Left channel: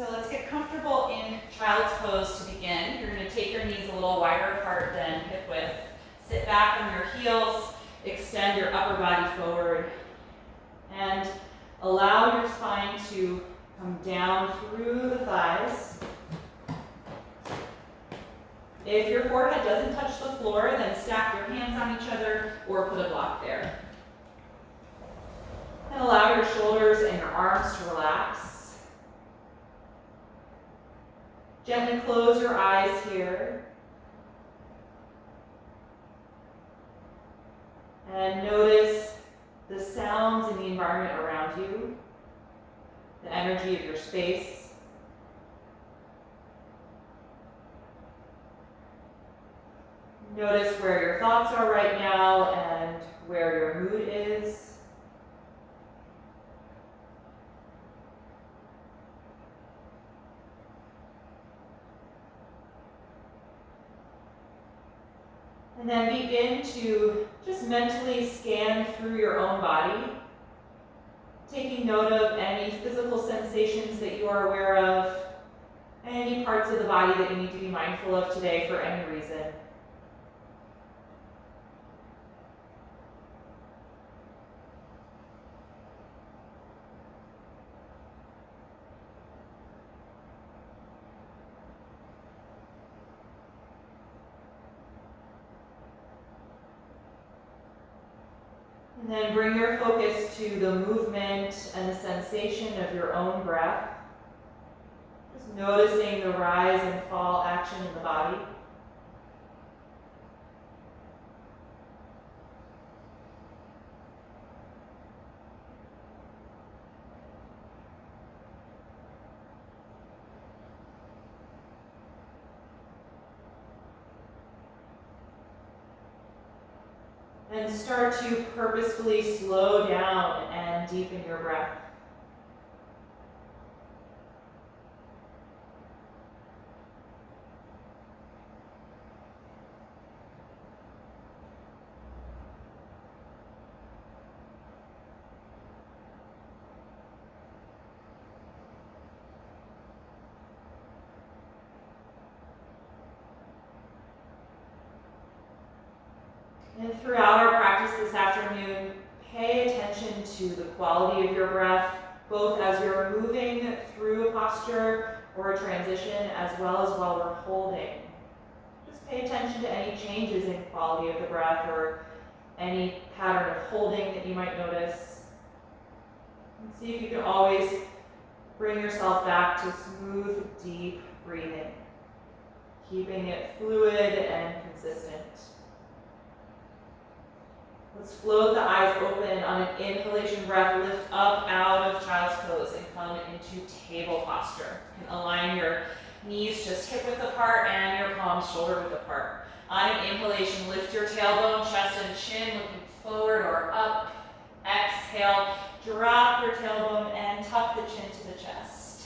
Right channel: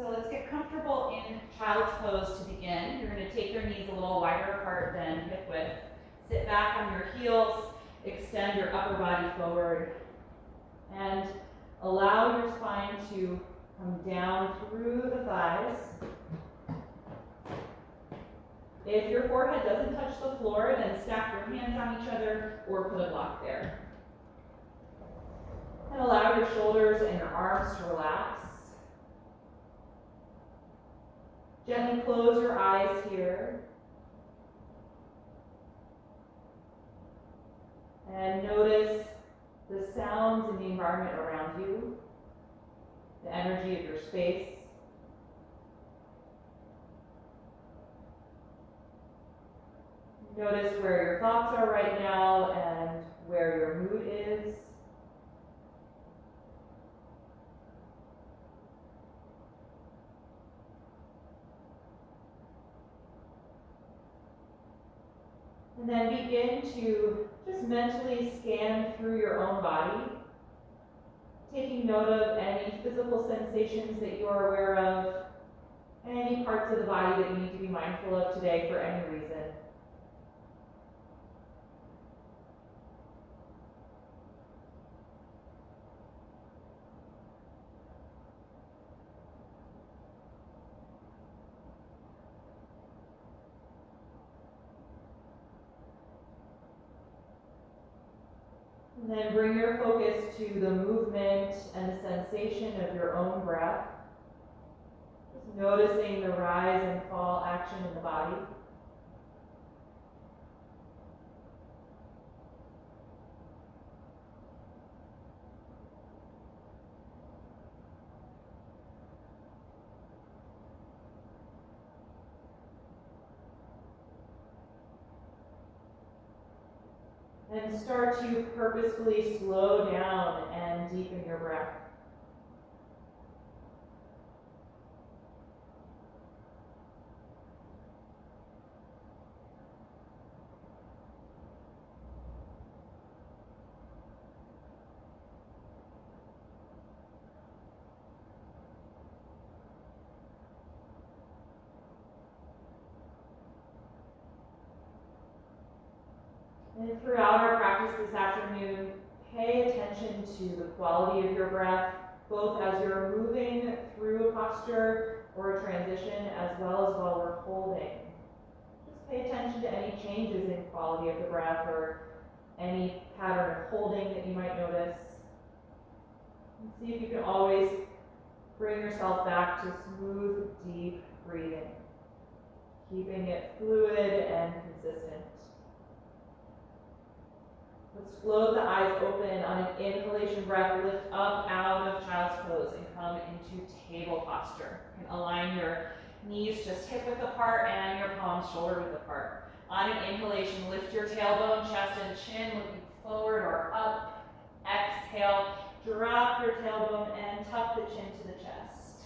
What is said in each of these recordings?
So let's get comfortable in child's pose to begin. You're going to take your knees a little wider apart than hip width. Sit back on your heels, extend your upper body forward, and allow your spine to come down through the thighs. If your forehead doesn't touch the floor, then stack your hands on each other or put a block there. And allow your shoulders and your arms to relax. Gently close your eyes here. And notice the sounds in the environment around you, the energy of your space. Notice where your thoughts are right now and where your mood is. And then begin to just mentally scan through your own body, taking note of any physical sensations that you are aware of, any parts of the body that you need to be mindful of today for any reason. And then bring your focus to the movement and the sensation of your own breath. Just noticing the rise and fall action in the body. And start to purposefully slow down and deepen your breath. And throughout our practice this afternoon, pay attention to the quality of your breath, both as you're moving through a posture or a transition, as well as while we're holding. Just pay attention to any changes in quality of the breath or any pattern of holding that you might notice. And see if you can always bring yourself back to smooth, deep breathing, keeping it fluid and consistent. Let's float the eyes open on an inhalation breath. Lift up out of child's pose and come into table posture. You can align your knees just hip width apart and your palms shoulder width apart. On an inhalation, lift your tailbone, chest and chin, looking forward or up. Exhale, drop your tailbone and tuck the chin to the chest.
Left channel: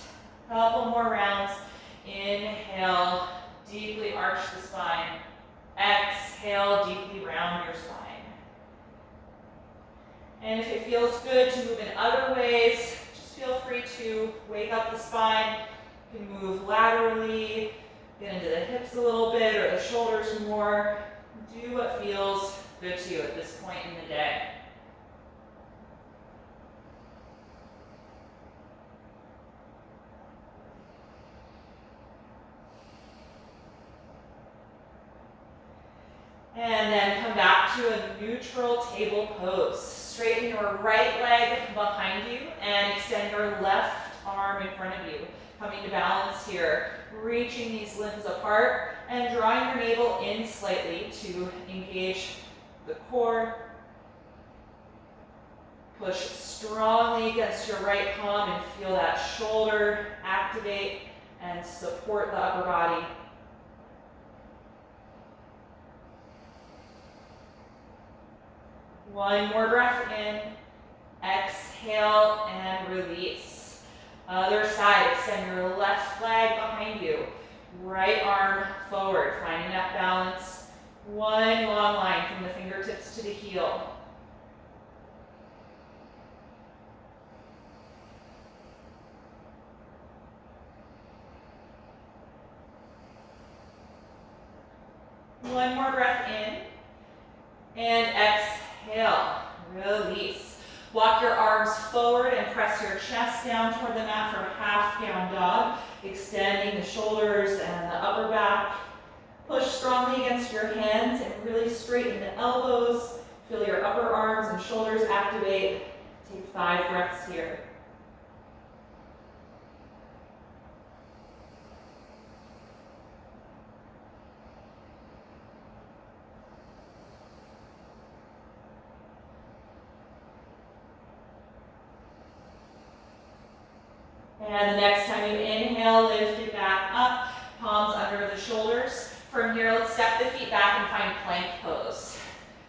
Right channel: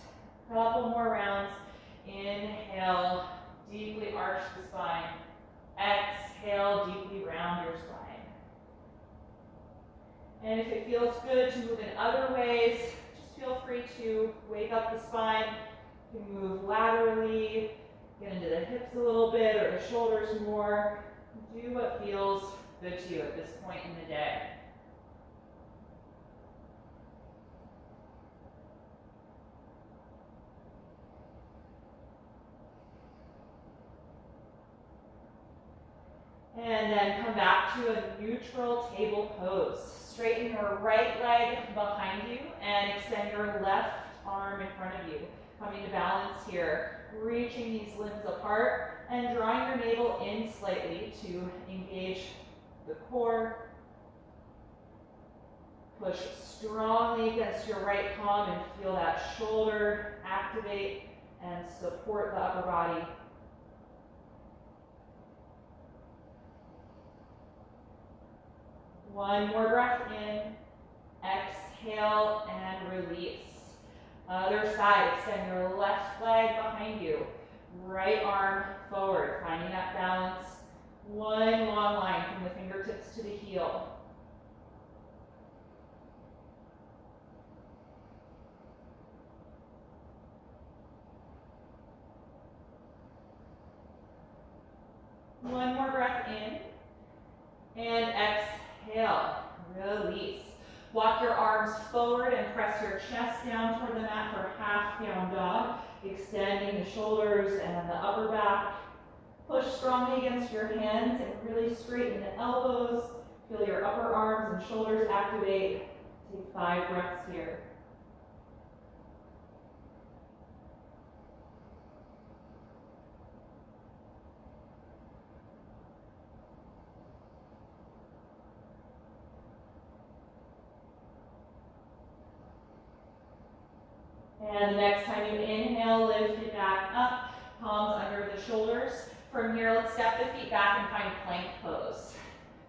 Couple more rounds. Inhale, deeply arch the spine. Exhale, deeply round your spine. And if it feels good to move in other ways, just feel free to wake up the spine. You can move laterally, get into the hips a little bit or the shoulders more. Do what feels good to you at this point in the day. And then come back to a neutral table pose. Straighten your right leg behind you and extend your left arm in front of you. Coming to balance here, reaching these limbs apart and drawing your navel in slightly to engage the core. Push strongly against your right palm and feel that shoulder activate and support the upper body. One more breath in, exhale and release. Other side, extend your left leg behind you. Right arm forward, finding that balance. One long line from the fingertips to the heel. One more breath in. And exhale, release. Walk your arms forward and press your chest down toward the mat for half down dog, extending the shoulders and the upper back. Push strongly against your hands and really straighten the elbows. Feel your upper arms and shoulders activate. Take 5 breaths here. And the next time you inhale, lift it back up, palms under the shoulders. From here, let's step the feet back and find plank pose.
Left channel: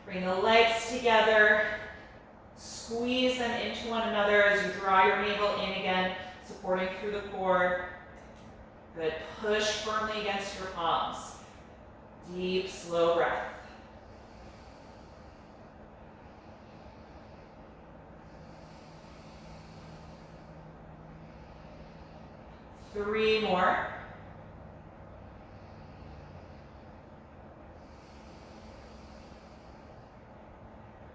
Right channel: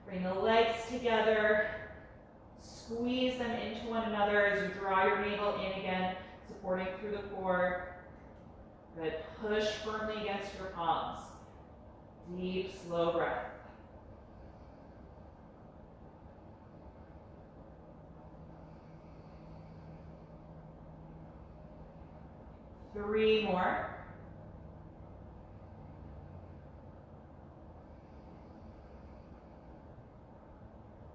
Bring the legs together, squeeze them into one another as you draw your navel in again, supporting through the core. Good, push firmly against your palms. Deep, slow breath. Three more.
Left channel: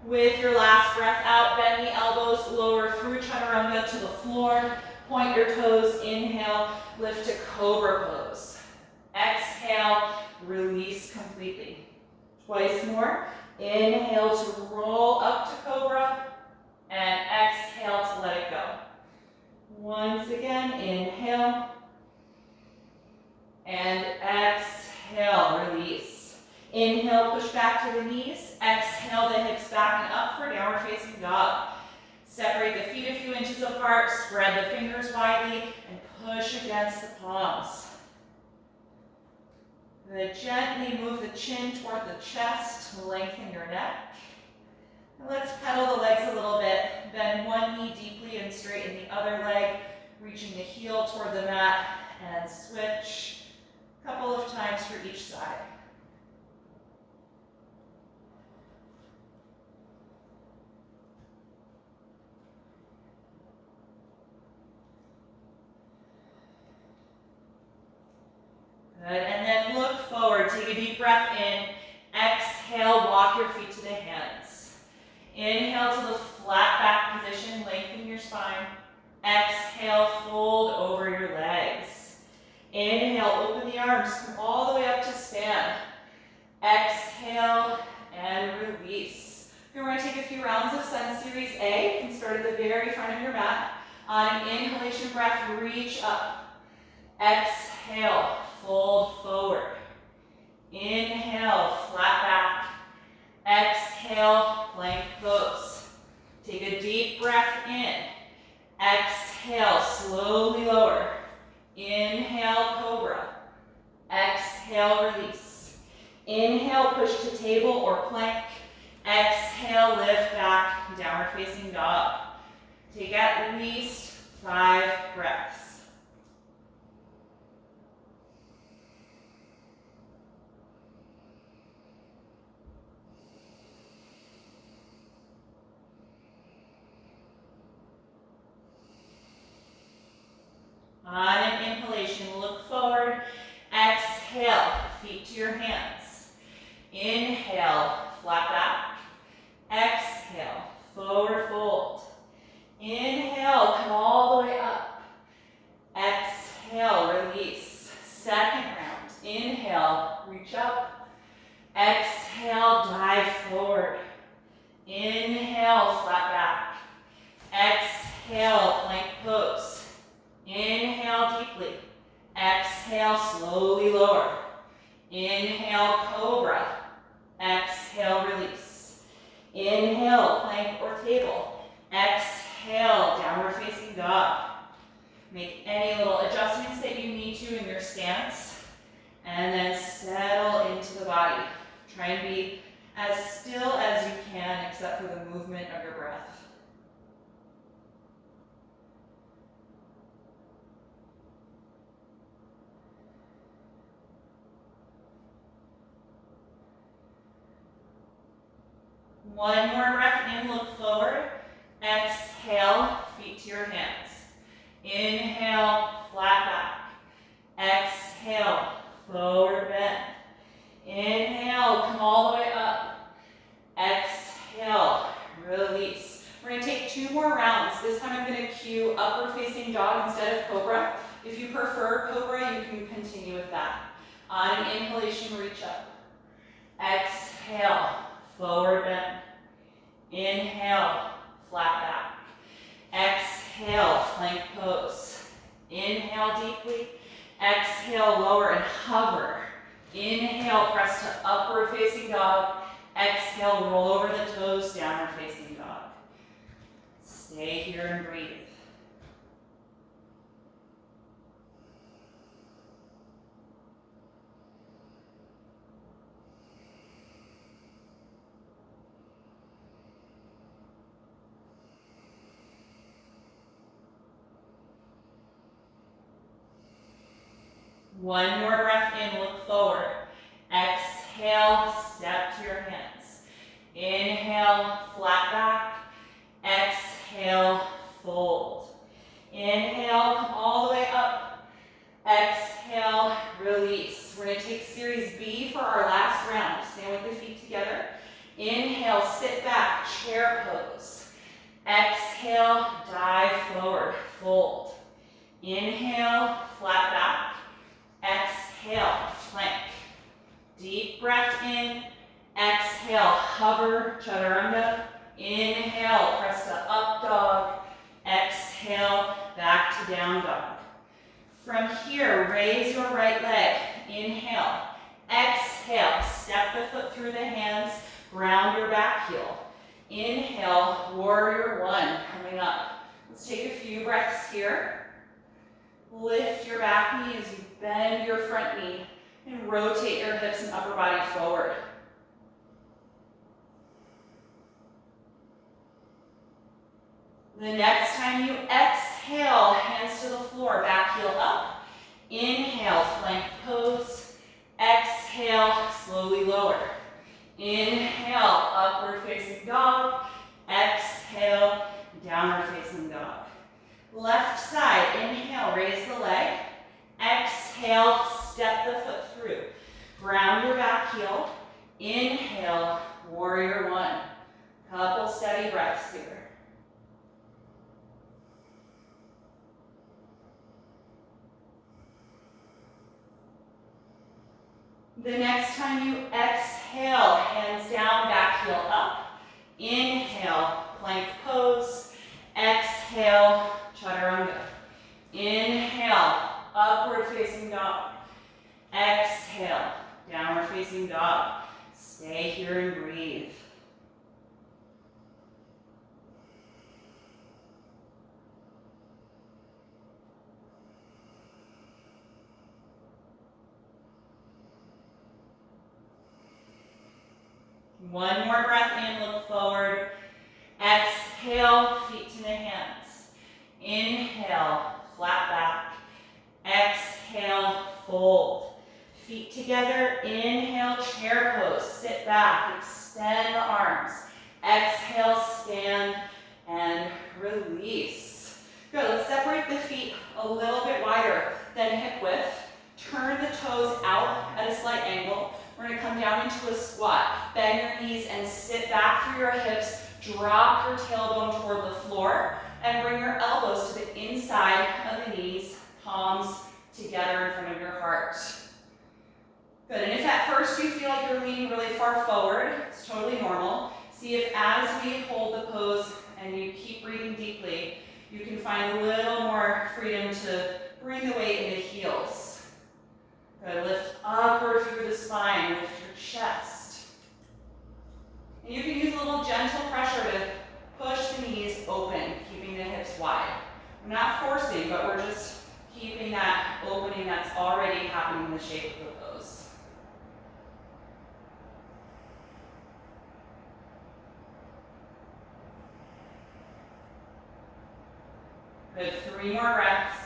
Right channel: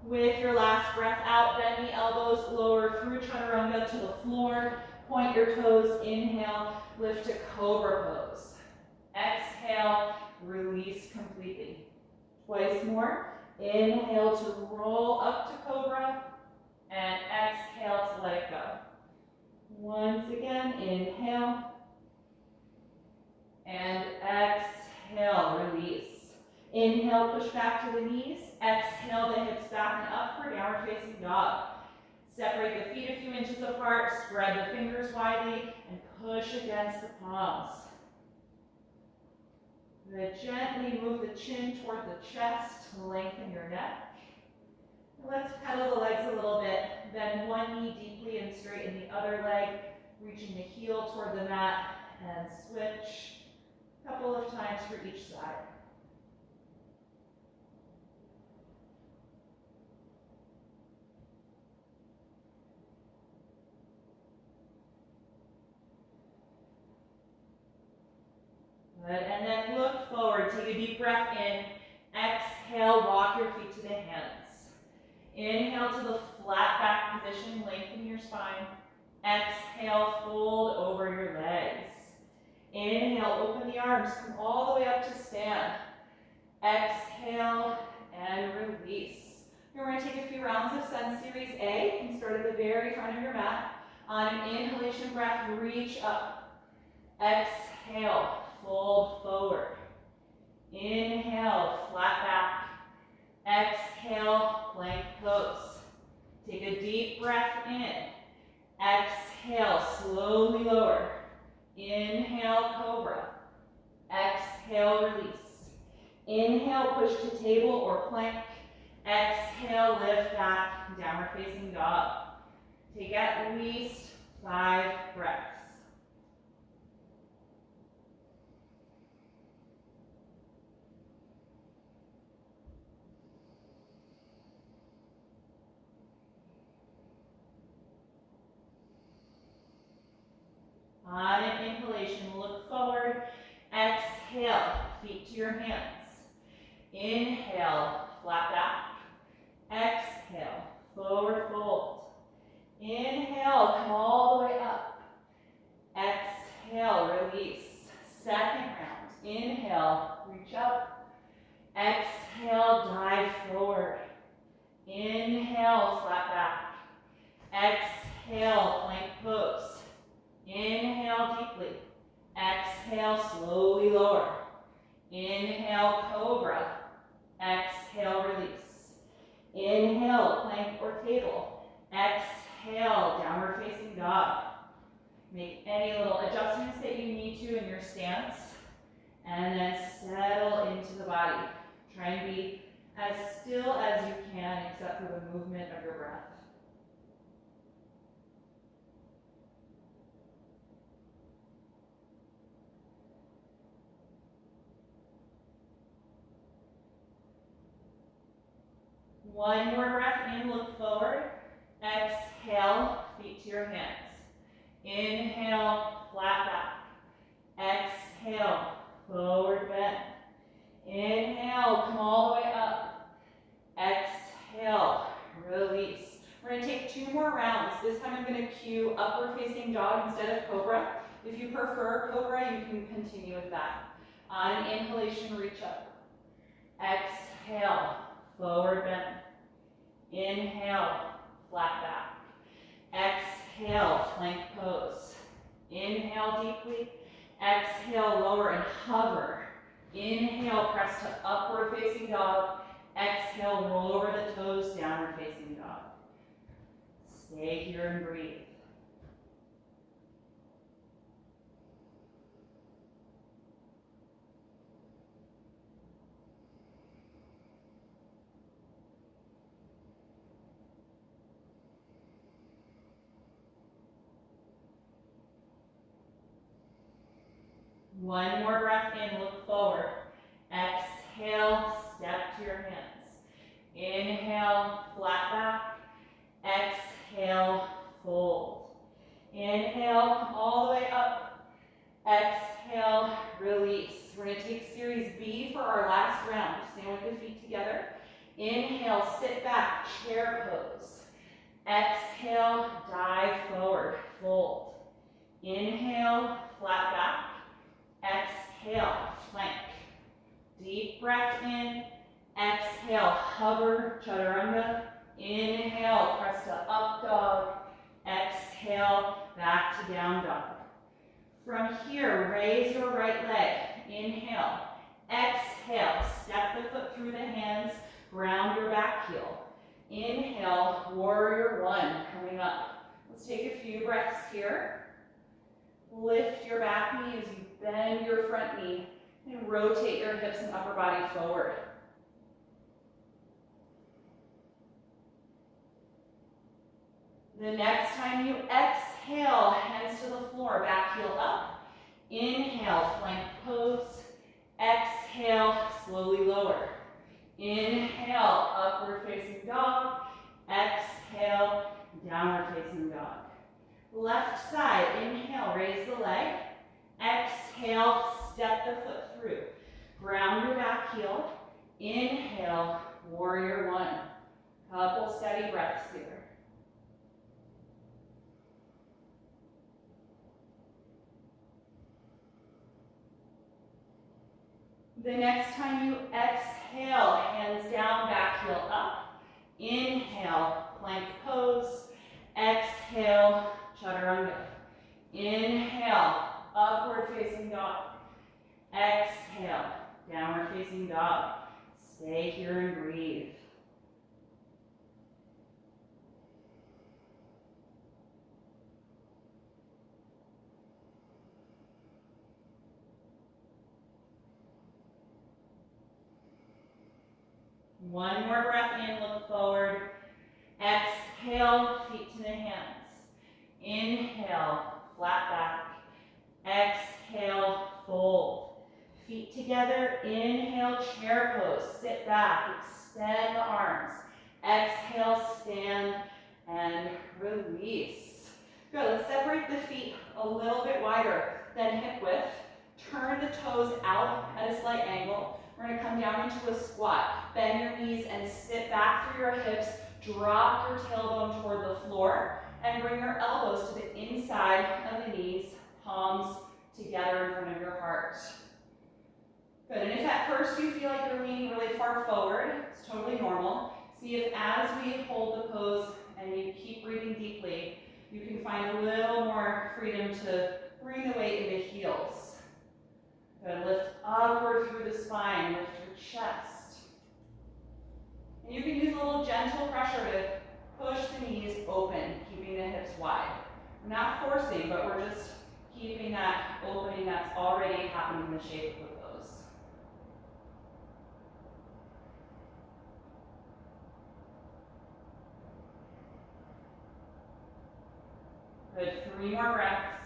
With your last breath out, bend the elbows, lower through chaturanga to the floor. Point your toes, inhale, lift to cobra pose. Exhale, release completely. Twice more. Inhale to roll up to cobra, and exhale to let it go. Once again, inhale, and exhale, release. Inhale, push back to the knees. Exhale, the hips back and up for downward facing dog. Separate the feet a few inches apart, spread the fingers widely, and push against the palms. Then gently move the chin toward the chest to lengthen your neck. And let's pedal the legs a little bit. Bend one knee deeply and straighten the other leg, reaching the heel toward the mat, and switch a couple of times for each side. Good, and then look forward. Take a deep breath in. Exhale, walk your feet to the hands. Inhale to the flat back position, lengthen your spine. Exhale, fold over your legs. Inhale, open the arms, come all the way up to stand. Exhale, and release. We're going to take a few rounds of Sun Series A. You can start at the very front of your mat. On an inhalation breath, reach up. Exhale, fold forward. Inhale, flat back. Exhale, plank pose. Take a deep breath in. Exhale, slowly lower. Inhale, cobra. Exhale, release. Inhale, push to table or plank. Exhale, lift back, downward facing dog. Take at least 5 breaths. On an inhalation, look forward. Exhale, feet to your hands. Inhale, flat back. Exhale, forward fold. Inhale, come all the way up. Exhale, release. Second round. Inhale, reach up. Exhale, dive forward. Inhale, flat back. Exhale, plank pose. Inhale deeply. Exhale, slowly lower. Inhale, cobra. Exhale, release. Inhale, plank or table. Exhale, downward facing dog. Make any little adjustments that you need to in your stance. And then settle into the body. Try and be as still as you can except for the movement of your breath. One more breath in, look forward. Exhale, feet to your hands. Inhale, flat back. Exhale, forward bend. Inhale, come all the way up. Exhale, release. We're gonna take 2 more rounds. This time I'm gonna cue upward facing dog instead of cobra. If you prefer cobra, you can continue with that. On an inhalation, reach up. Exhale, forward bend. Inhale, flat back. Exhale, plank pose. Inhale deeply. Exhale, lower and hover. Inhale, press to upward facing dog. Exhale, roll over the toes, downward facing dog. Stay here and breathe. One more breath in, look forward. Exhale, step to your hands. Inhale, flat back. Exhale, fold. Inhale, come all the way up. Exhale, release. We're gonna take series B for our last round. Stand with the feet together. Inhale, sit back, chair pose. Exhale, dive forward, fold. Inhale, flat back. Exhale, plank. Deep breath in. Exhale, hover, chaturanga. Inhale, press to up dog. Exhale, back to down dog. From here, raise your right leg. Inhale. Exhale, step the foot through the hands. Ground your back heel. Inhale, warrior one, coming up. Let's take a few breaths here. Lift your back knee as you bend your front knee and rotate your hips and upper body forward. The next time you exhale, hands to the floor, back heel up. Inhale, plank pose. Exhale, slowly lower. Inhale, upward facing dog. Exhale, downward facing dog. Left side, inhale, raise the leg. Exhale, step the foot through. Ground your back heel. Inhale, warrior one. Couple steady breaths here. The next time you exhale, hands down, back heel up. Inhale, plank pose. Exhale, chaturanga. Inhale, upward facing dog. Exhale, downward facing dog. Stay here and breathe. One more breath in, look forward. Exhale, feet to the hands. Inhale, flat back. Exhale, fold. Feet together, inhale, chair pose. Sit back, extend the arms. Exhale, stand, and release. Good, let's separate the feet a little bit wider than hip width. Turn the toes out at a slight angle. We're gonna come down into a squat. Bend your knees and sit back through your hips. Drop your tailbone toward the floor and bring your elbows to the inside of the knees, palms together in front of your heart. Good, and if at first you feel like you're leaning really far forward, it's totally normal. See if as we hold the pose and you keep breathing deeply, you can find a little more freedom to bring the weight into heels. Good, lift upward through the spine, lift your chest. And you can use a little gentle pressure to push the knees open, keeping the hips wide. We're not forcing, but we're just keeping that opening that's already happening in the shape of the pose. Good, 3 more breaths.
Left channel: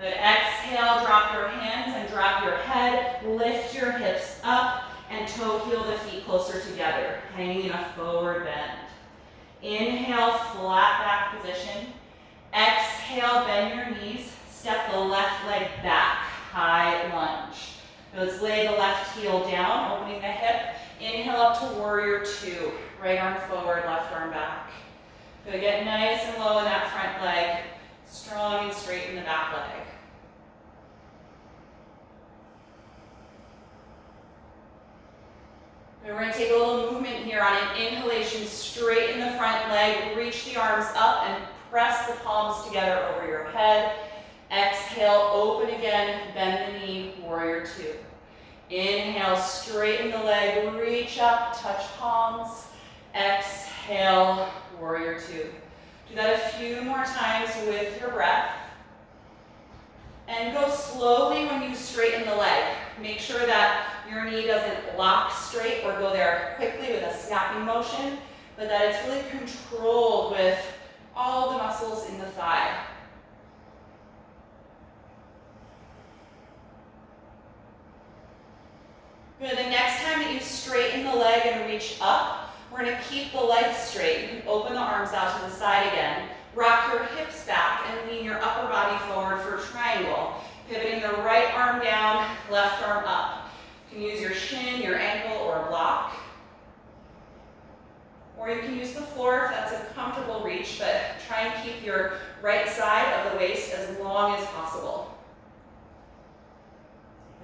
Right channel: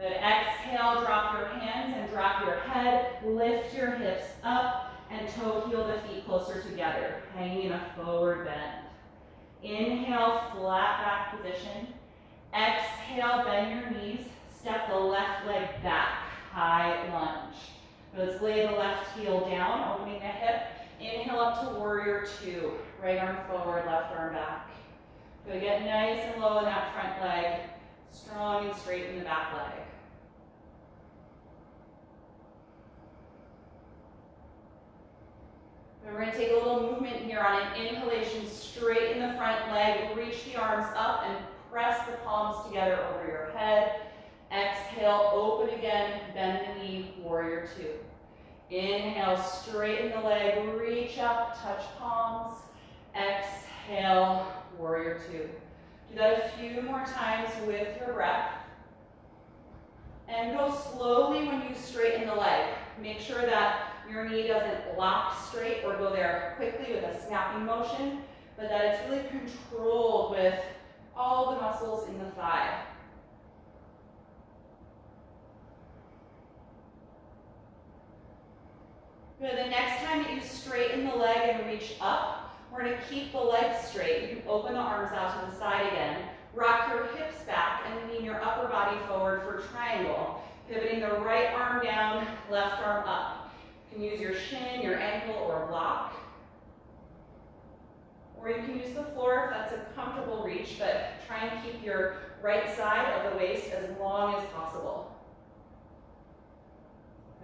Good, exhale, drop your hands and drop your head. Lift your hips up and toe heel the feet closer together, hanging in a forward bend. Inhale, flat back position. Exhale, bend your knees. Step the left leg back, high lunge. Let's lay the left heel down, opening the hip. Inhale up to warrior two. Right arm forward, left arm back. Good, get nice and low in that front leg. Strong and straight in the back leg. We're going to take a little movement here on an inhalation, straight in the front leg. Reach the arms up and press the palms together over your head. Exhale, open again, bend the knee, warrior two. Inhale, straighten the leg, reach up, touch palms. Exhale, warrior two. Do that a few more times with your breath. And go slowly when you straighten the leg. Make sure that your knee doesn't lock straight or go there quickly with a snapping motion, but that it's really controlled with all the muscles in the thigh. Good, the next time that you straighten the leg and reach up, we're going to keep the leg straight. You can open the arms out to the side again. Rock your hips back and lean your upper body forward for triangle. Pivoting the right arm down, left arm up. You can use your shin, your ankle, or a block. Or you can use the floor if that's a comfortable reach, but try and keep your right side of the waist as long as possible.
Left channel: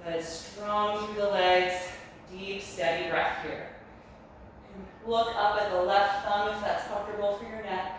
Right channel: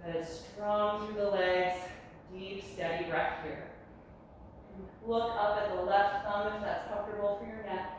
Good, strong through the legs, deep, steady breath here. And look up at the left thumb if that's comfortable for your neck.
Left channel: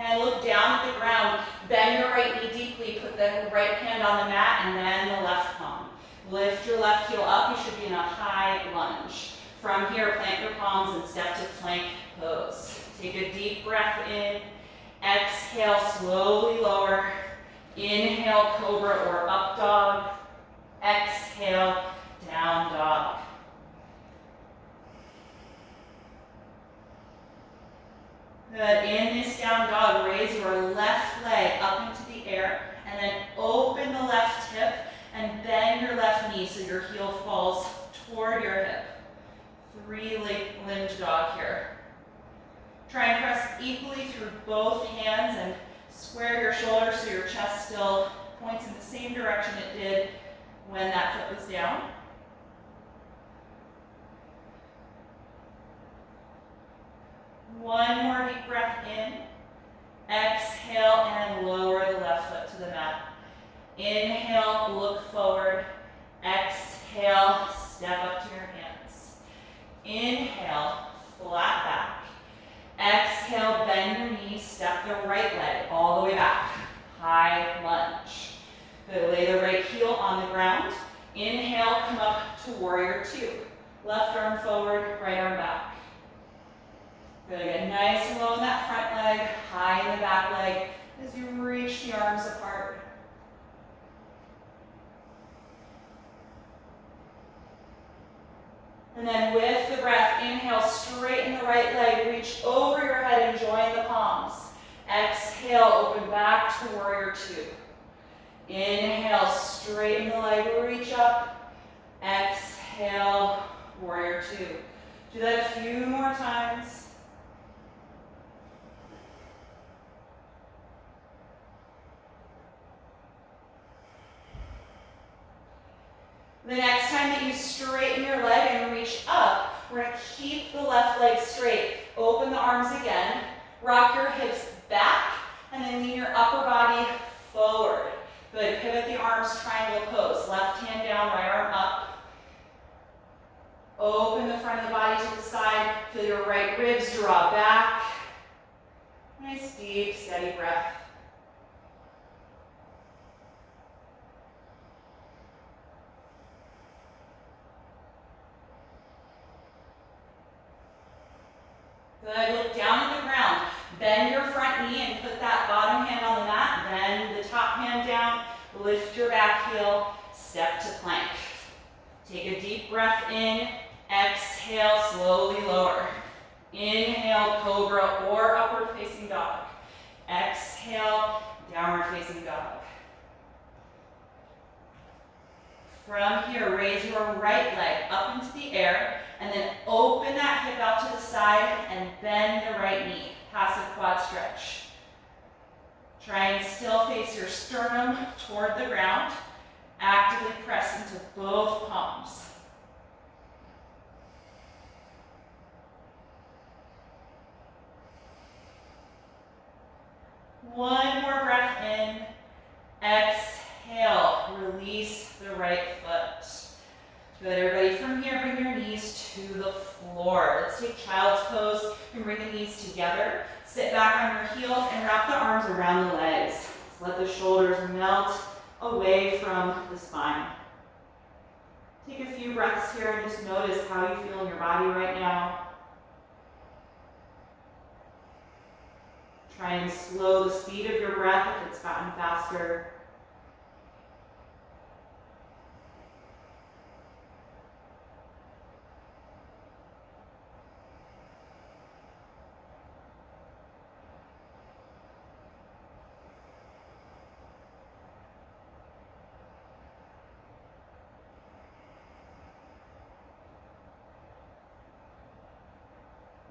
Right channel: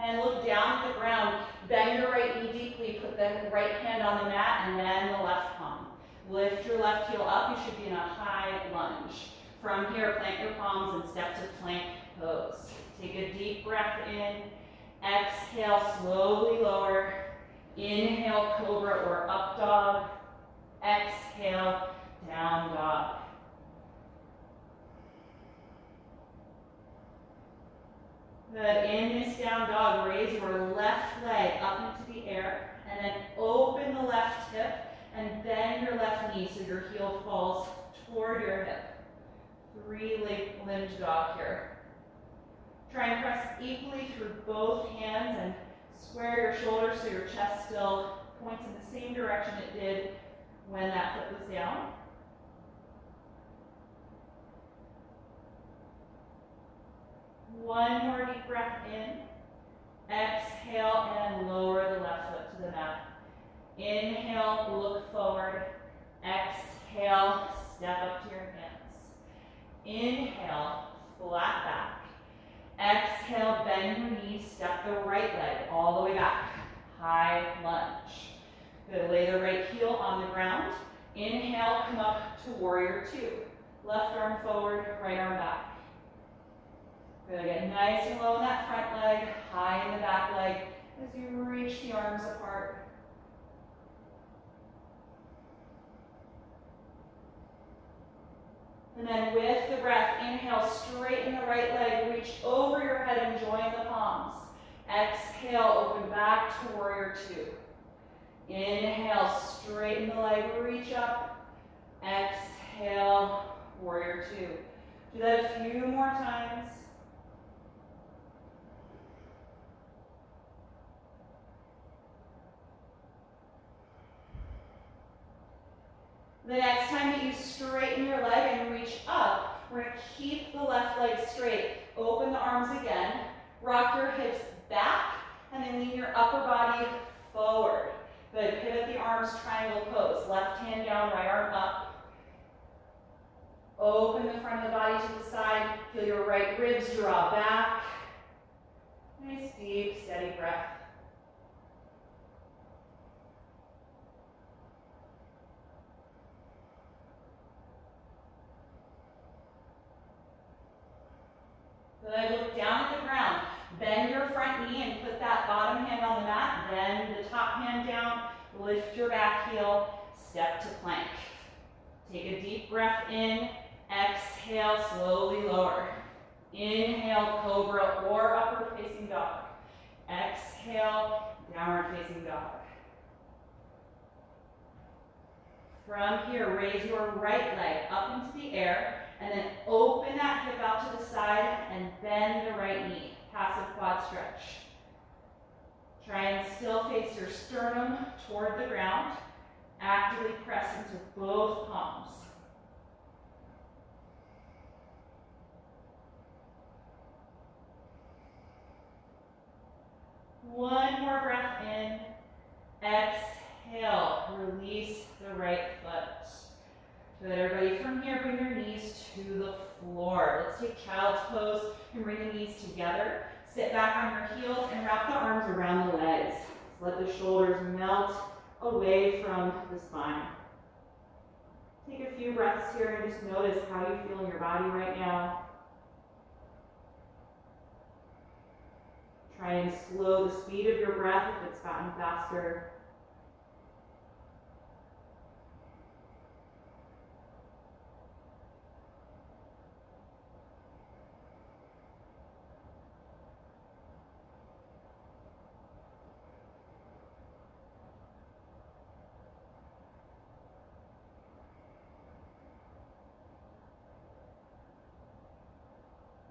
And look down at the ground. Bend your right knee deeply. Put the right hand on the mat and then the left palm. Lift your left heel up. You should be in a high lunge. From here, plant your palms and step to plank pose. Take a deep breath in. Exhale, slowly lower. Inhale, cobra or up dog. Exhale, down dog. Good, in this down dog, raise your left leg up into the air and then open the left hip and bend your left knee so your heel falls toward your hip. 3-leg lunge dog here. Try and press equally through both hands and square your shoulders so your chest still points in the same direction it did when that foot was down. One more deep breath in. Exhale and lower the left foot to the mat. Inhale, look forward. Exhale, step up to your hands. Inhale, flat back. Exhale, bend your knees, step the right leg all the way back. High lunge. Good, lay the right heel on the ground. Inhale, come up to warrior two. Left arm forward, right arm back. Good, get nice and low in that front leg, high in the back leg as you reach the arms apart. And then with the breath, inhale, straighten the right leg, reach over your head and join the palms. Exhale, open back to warrior two. Inhale, straighten the leg, reach up. Exhale, warrior two. Do that a few more times. The next time that you straighten your leg and reach up, we're going to keep the left leg straight. Open the arms again. Rock your hips back and then lean your upper body forward. Good. Pivot the arms, triangle pose. Left hand down, right arm up. Open the front of the body to the side. Feel your right ribs draw back. Nice, deep, steady breath. Good, look down at the ground. Bend your front knee and put that bottom hand on the mat. Bend the top hand down. Lift your back heel. Step to plank. Take a deep breath in. Exhale, slowly lower. Inhale, cobra or upward facing dog. Exhale. exhale, downward facing dog. From here, raise your right leg up into the air, and then open that hip out to the side and bend the right knee. Passive quad stretch. Try and still face your sternum toward the ground. Actively press into both palms. One more breath in. Exhale, release the right foot. Good, everybody, from here, bring your knees to the floor. Let's take child's pose and bring the knees together. Sit back on your heels and wrap the arms around the legs. Let the shoulders melt away from the spine. Take a few breaths here and just notice how you feel in your body right now. Try and slow the speed of your breath if it's gotten faster.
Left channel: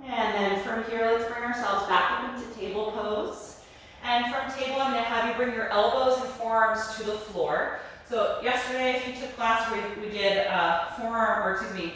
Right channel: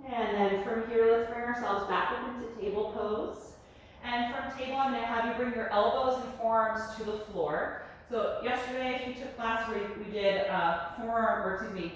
And then from here, let's bring ourselves back up into table pose. And from table, I'm going to have you bring your elbows and forearms to the floor. So yesterday, if you took class, we did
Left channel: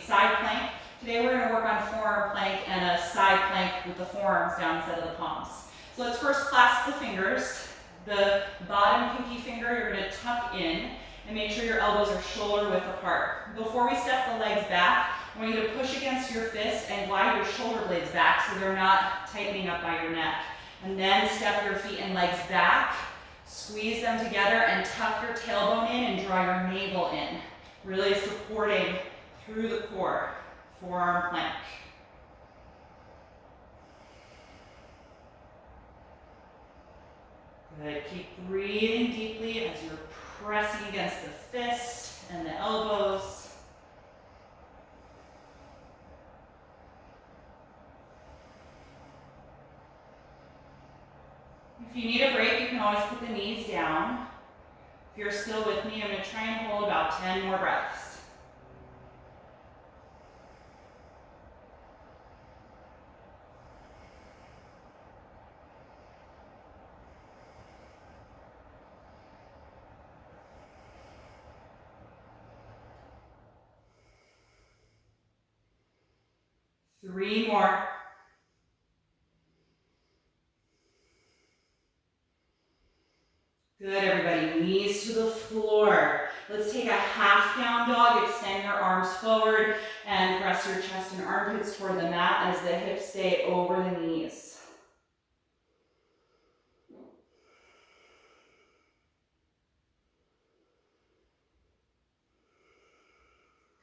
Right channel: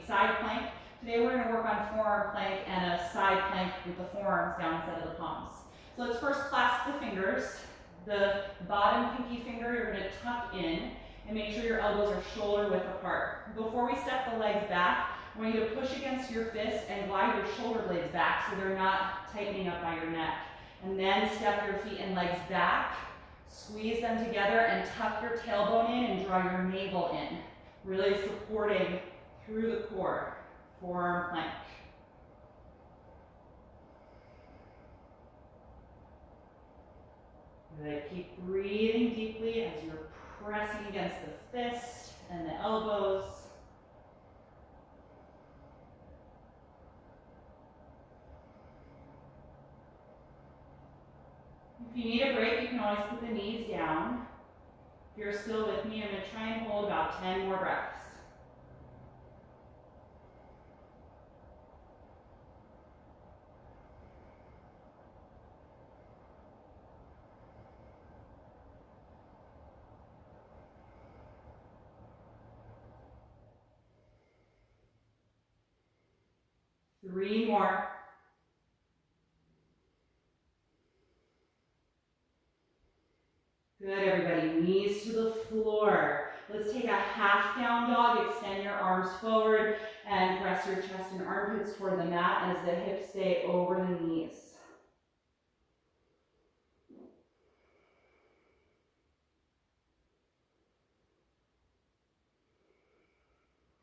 side plank. Today, we're going to work on forearm plank and a side plank with the forearms down instead of the palms. So let's first clasp the fingers. The bottom pinky finger, you're going to tuck in and make sure your elbows are shoulder width apart. Before we step the legs back, I want you to push against your fist and glide your shoulder blades back so they're not tightening up by your neck. And then step your feet and legs back, squeeze them together and tuck your tailbone in and draw your navel in. Really supporting through the core, forearm plank. Good, keep breathing deeply as you're pressing against the fist and the elbows. If you need a break, you can always put the knees down. If you're still with me, I'm going to try and hold about 10 more breaths. Three more. Good, everybody. Knees to the floor. Let's take a half down dog. Extend your arms forward and press your chest and armpits toward the mat as the hips stay over the knees.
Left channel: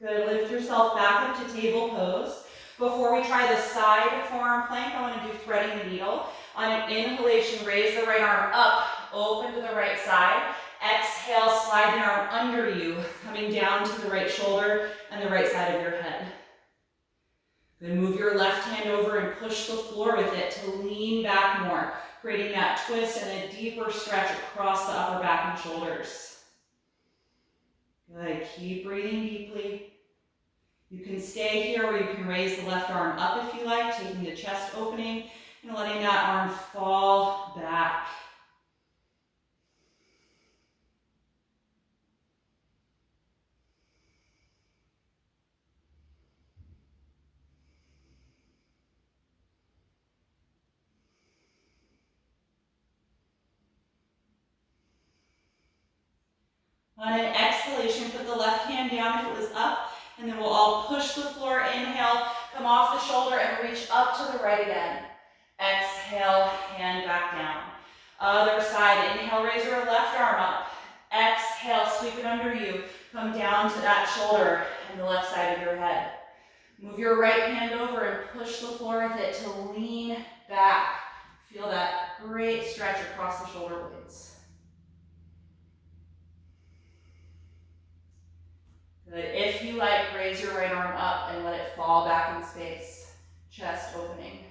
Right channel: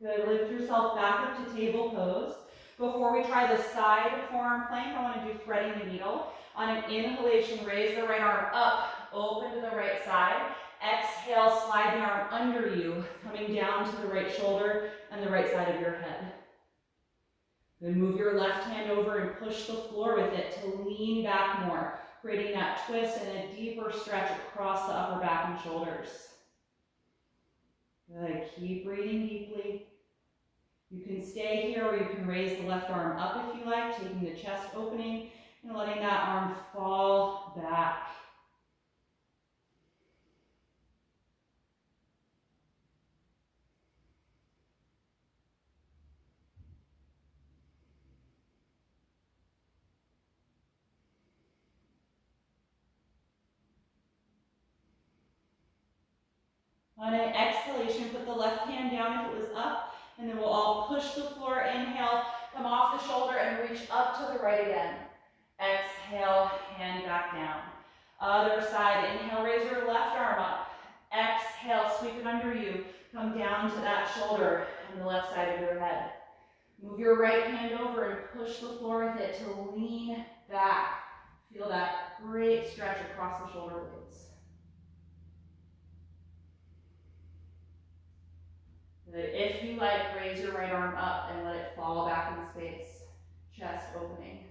Good, lift yourself back up to table pose. Before we try the side forearm plank, I want to do threading the needle. On an inhalation, raise the right arm up, open to the right side. Exhale, slide the arm under you, coming down to the right shoulder and the right side of your head. Then move your left hand over and push the floor with it to lean back more, creating that twist and a deeper stretch across the upper back and shoulders. Good, keep breathing deeply. You can stay here or you can raise the left arm up if you like, taking the chest opening and letting that arm fall back. On an exhalation, put the left hand down if it was up, and then we'll all push the floor. Inhale, come off the shoulder and reach up to the right again. Exhale, hand back down. Other side, inhale, raise your left arm up. Exhale, sweep it under you. Come down to that shoulder and the left side of your head. Move your right hand over and push the floor with it to lean back. Feel that great stretch across the shoulder blades. Good. If you like, raise your right arm up and let it fall back in space. Chest opening.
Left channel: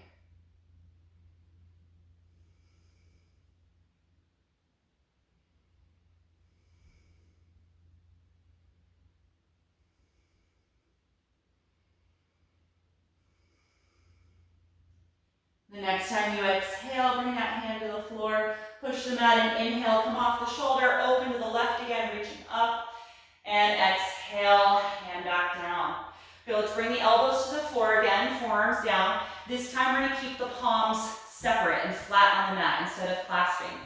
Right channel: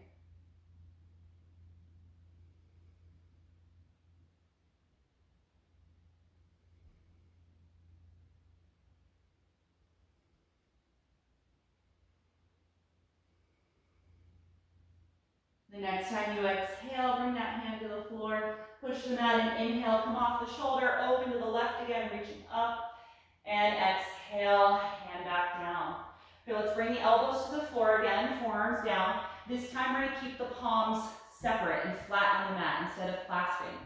The next time you exhale, bring that hand to the floor, push the mat and inhale, come off the shoulder, open to the left again, reaching up, and exhale, hand back down. Okay, let's bring the elbows to the floor again, forearms down. This time we're gonna keep the palms separate and flat on the mat instead of clasping.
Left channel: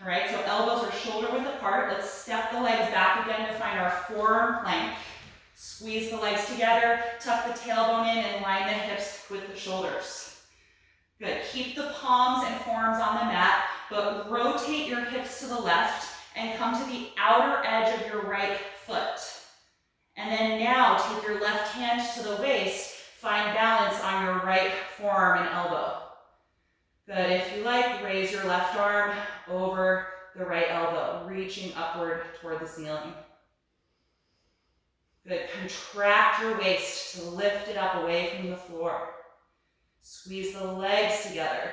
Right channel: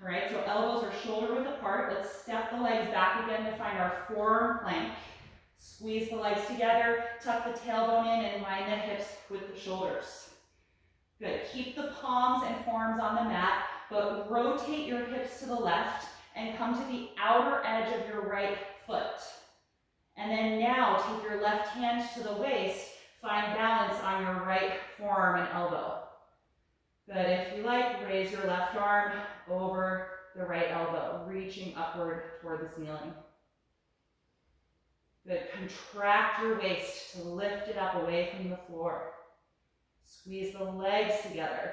All right, so elbows are shoulder width apart. Let's step the legs back again to find our forearm plank. Squeeze the legs together, tuck the tailbone in, and line the hips with the shoulders. Good, keep the palms and forearms on the mat, but rotate your hips to the left and come to the outer edge of your right foot. And then now take your left hand to the waist, find balance on your right forearm and elbow. Good, if you like, raise your left arm over the right elbow, reaching upward toward the ceiling. Good, contract your waist to lift it up away from the floor. Squeeze the legs together.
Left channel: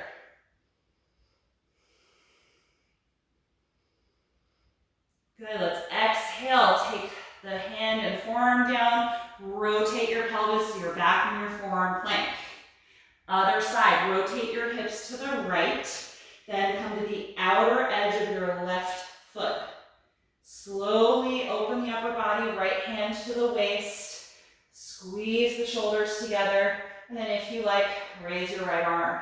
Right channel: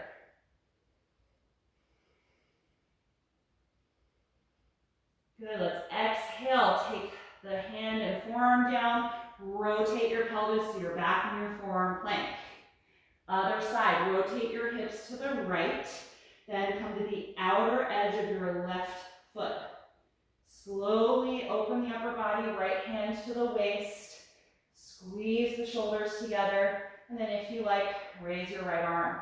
Good, let's exhale, take the hand and forearm down, rotate your pelvis so you're back in your forearm plank. Other side, rotate your hips to the right, then come to the outer edge of your left foot. Slowly open the upper body, right hand to the waist, squeeze the shoulders together, and then if you like, raise your right arm.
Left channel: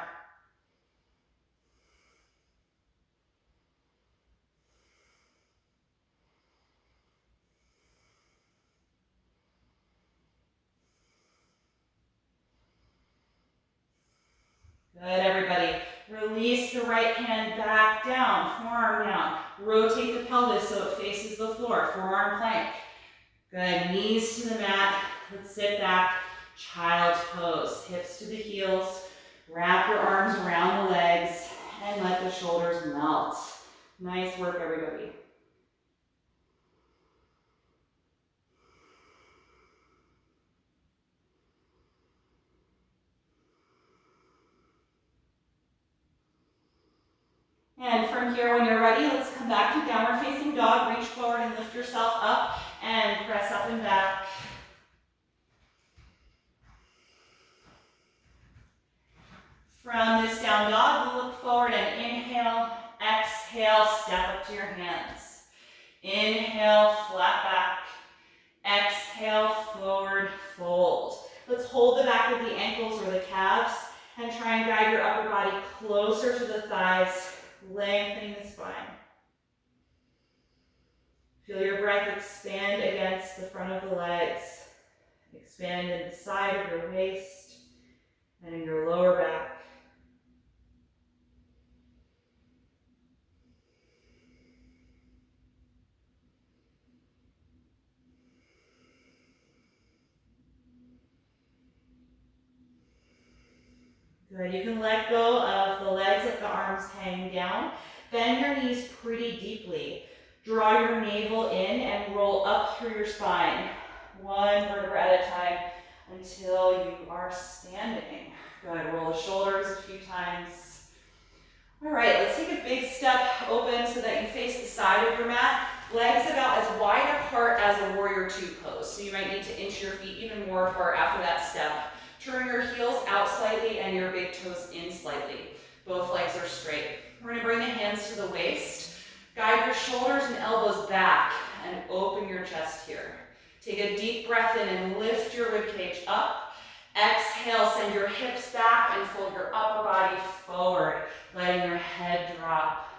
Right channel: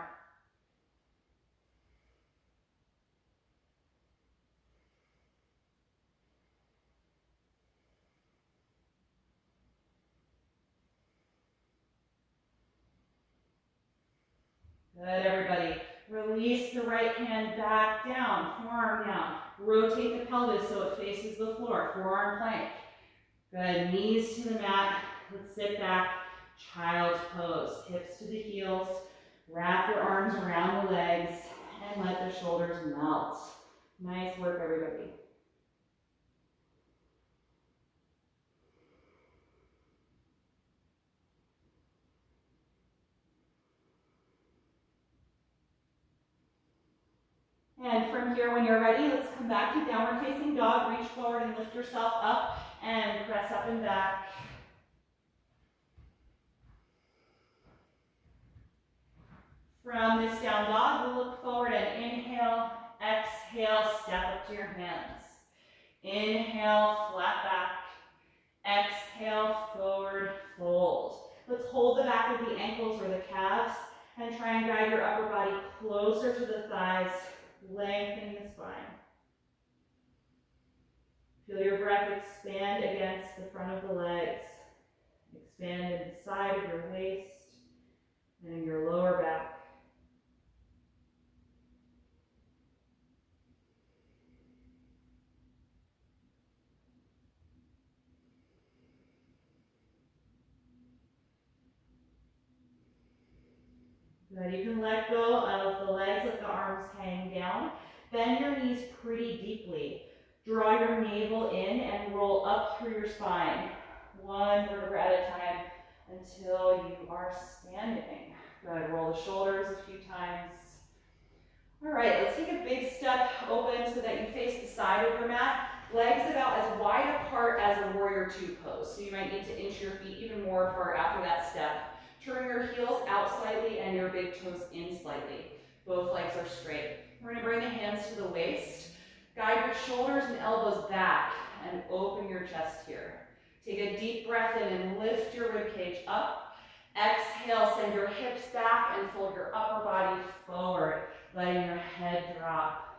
Good, everybody. Release the right hand back down, forearm down. Rotate the pelvis so it faces the floor, forearm plank. Good, knees to the mat. Let's sit back, child's pose. Hips to the heels. Wrap your arms around the legs and let the shoulders melt. Nice work, everybody. And from here, when you're ready, let's come back to downward facing dog. Reach forward and lift yourself up and press up and back. From this down dog, we'll look forward and inhale, exhale, step up to your hands. Inhale, flat back. Exhale, forward fold. Let's hold the back of the ankles or the calves and try and guide your upper body closer to the thighs, lengthening the spine. Feel your breath expand against the front of the legs. Expand in the side of your waist and in your lower back. Good, you can let go of the legs, let the arms hang down. Bend your knees pretty deeply. Draw your navel in and roll up through your spine, one vertebra at a time until you are standing. Good, roll the shoulders a few times. All right, let's take a big step open so that you face the side of your mat. Legs about as wide apart as a warrior two pose. So you might need to inch your feet even more apart after that step. Turn your heels out slightly and your big toes in slightly. Both legs are straight. We're gonna bring the hands to the waist. Guide your shoulders and elbows back and open your chest here. Take a deep breath in and lift your ribcage up. Exhale, send your hips back and fold your upper body forward, letting your head drop.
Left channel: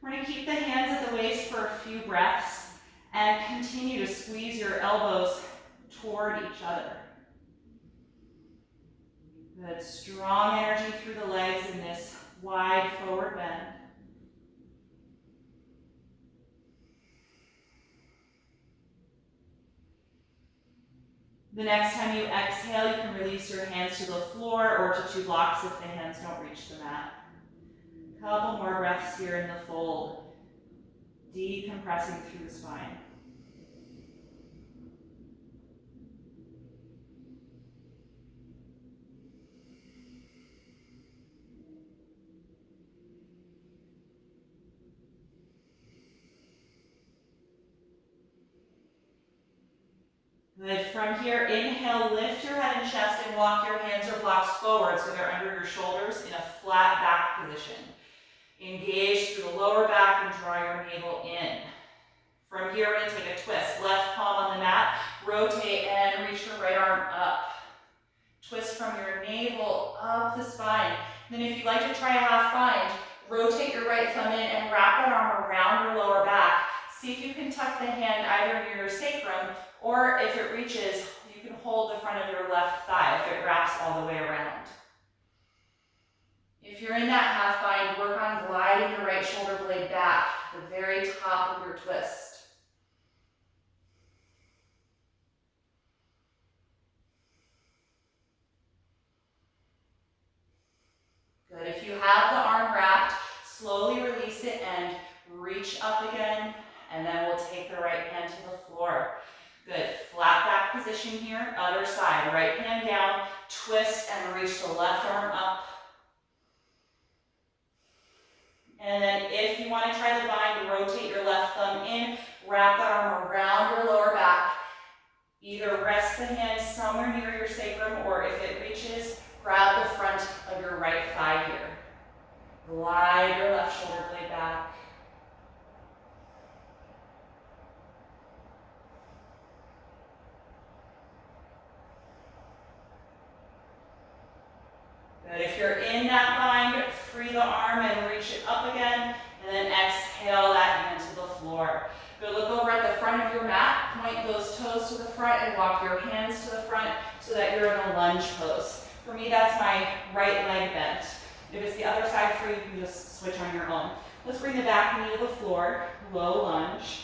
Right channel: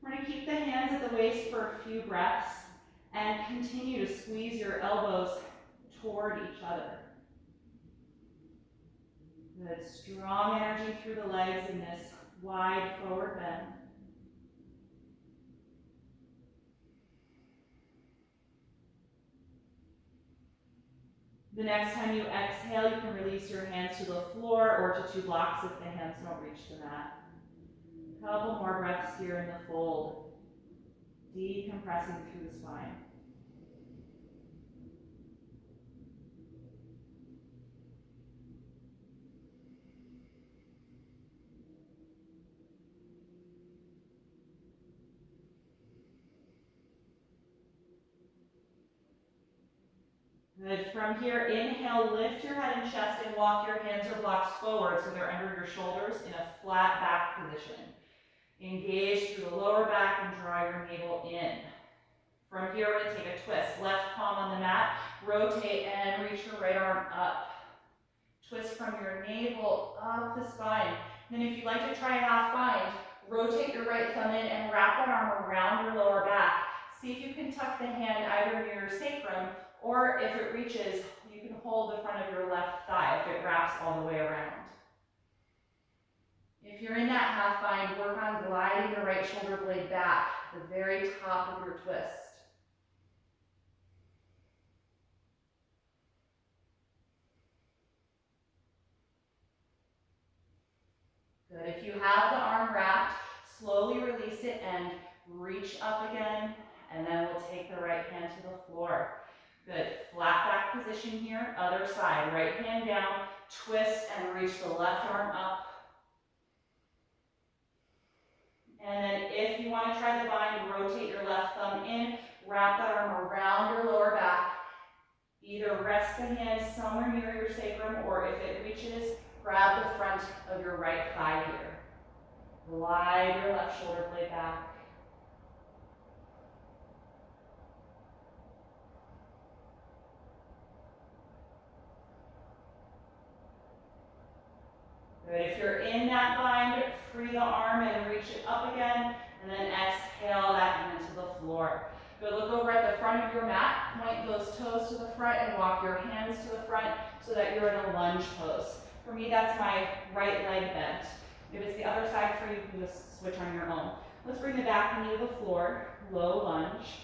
We're gonna keep the hands at the waist for a few breaths and continue to squeeze your elbows toward each other. Good, strong energy through the legs in this wide forward bend. The next time you exhale, you can release your hands to the floor or to two blocks if the hands don't reach the mat. A couple more breaths here in the fold, decompressing through the spine. Good. From here, inhale, lift your head and chest and walk your hands or blocks forward so they're under your shoulders in a flat back position. Engage through the lower back and draw your navel in. From here, we're going to take a twist. Left palm on the mat, rotate and reach your right arm up. Twist from your navel up the spine. Then if you'd like to try a half bind, rotate your right thumb in and wrap that arm around your lower back. See if you can tuck the hand either near your sacrum, or if it reaches, you can hold the front of your left thigh if it wraps all the way around. If you're in that half bind, work on gliding your right shoulder blade back, the very top of your twist. Good. If you have the arm wrapped, slowly release it and reach up again, and then we'll take the right hand to the floor. Good. Flat back position here. Other side. Right hand down, twist and reach the left arm up. And then if you want to try the bind, rotate your left thumb in, wrap that arm around your lower back. Either rest the hand somewhere near your sacrum, or if it reaches, grab the front of your right thigh here. Glide your left shoulder blade back. Good. If you're in that bind, free the arm and reach it up again, and then exhale that hand to the floor. Good. Look over at the front of your mat, point those toes to the front and walk your hands to the front so that you're in a lunge pose. For me, that's my right leg bent. If it's the other side for you, you can just switch on your own. Let's bring the back knee to the floor, low lunge.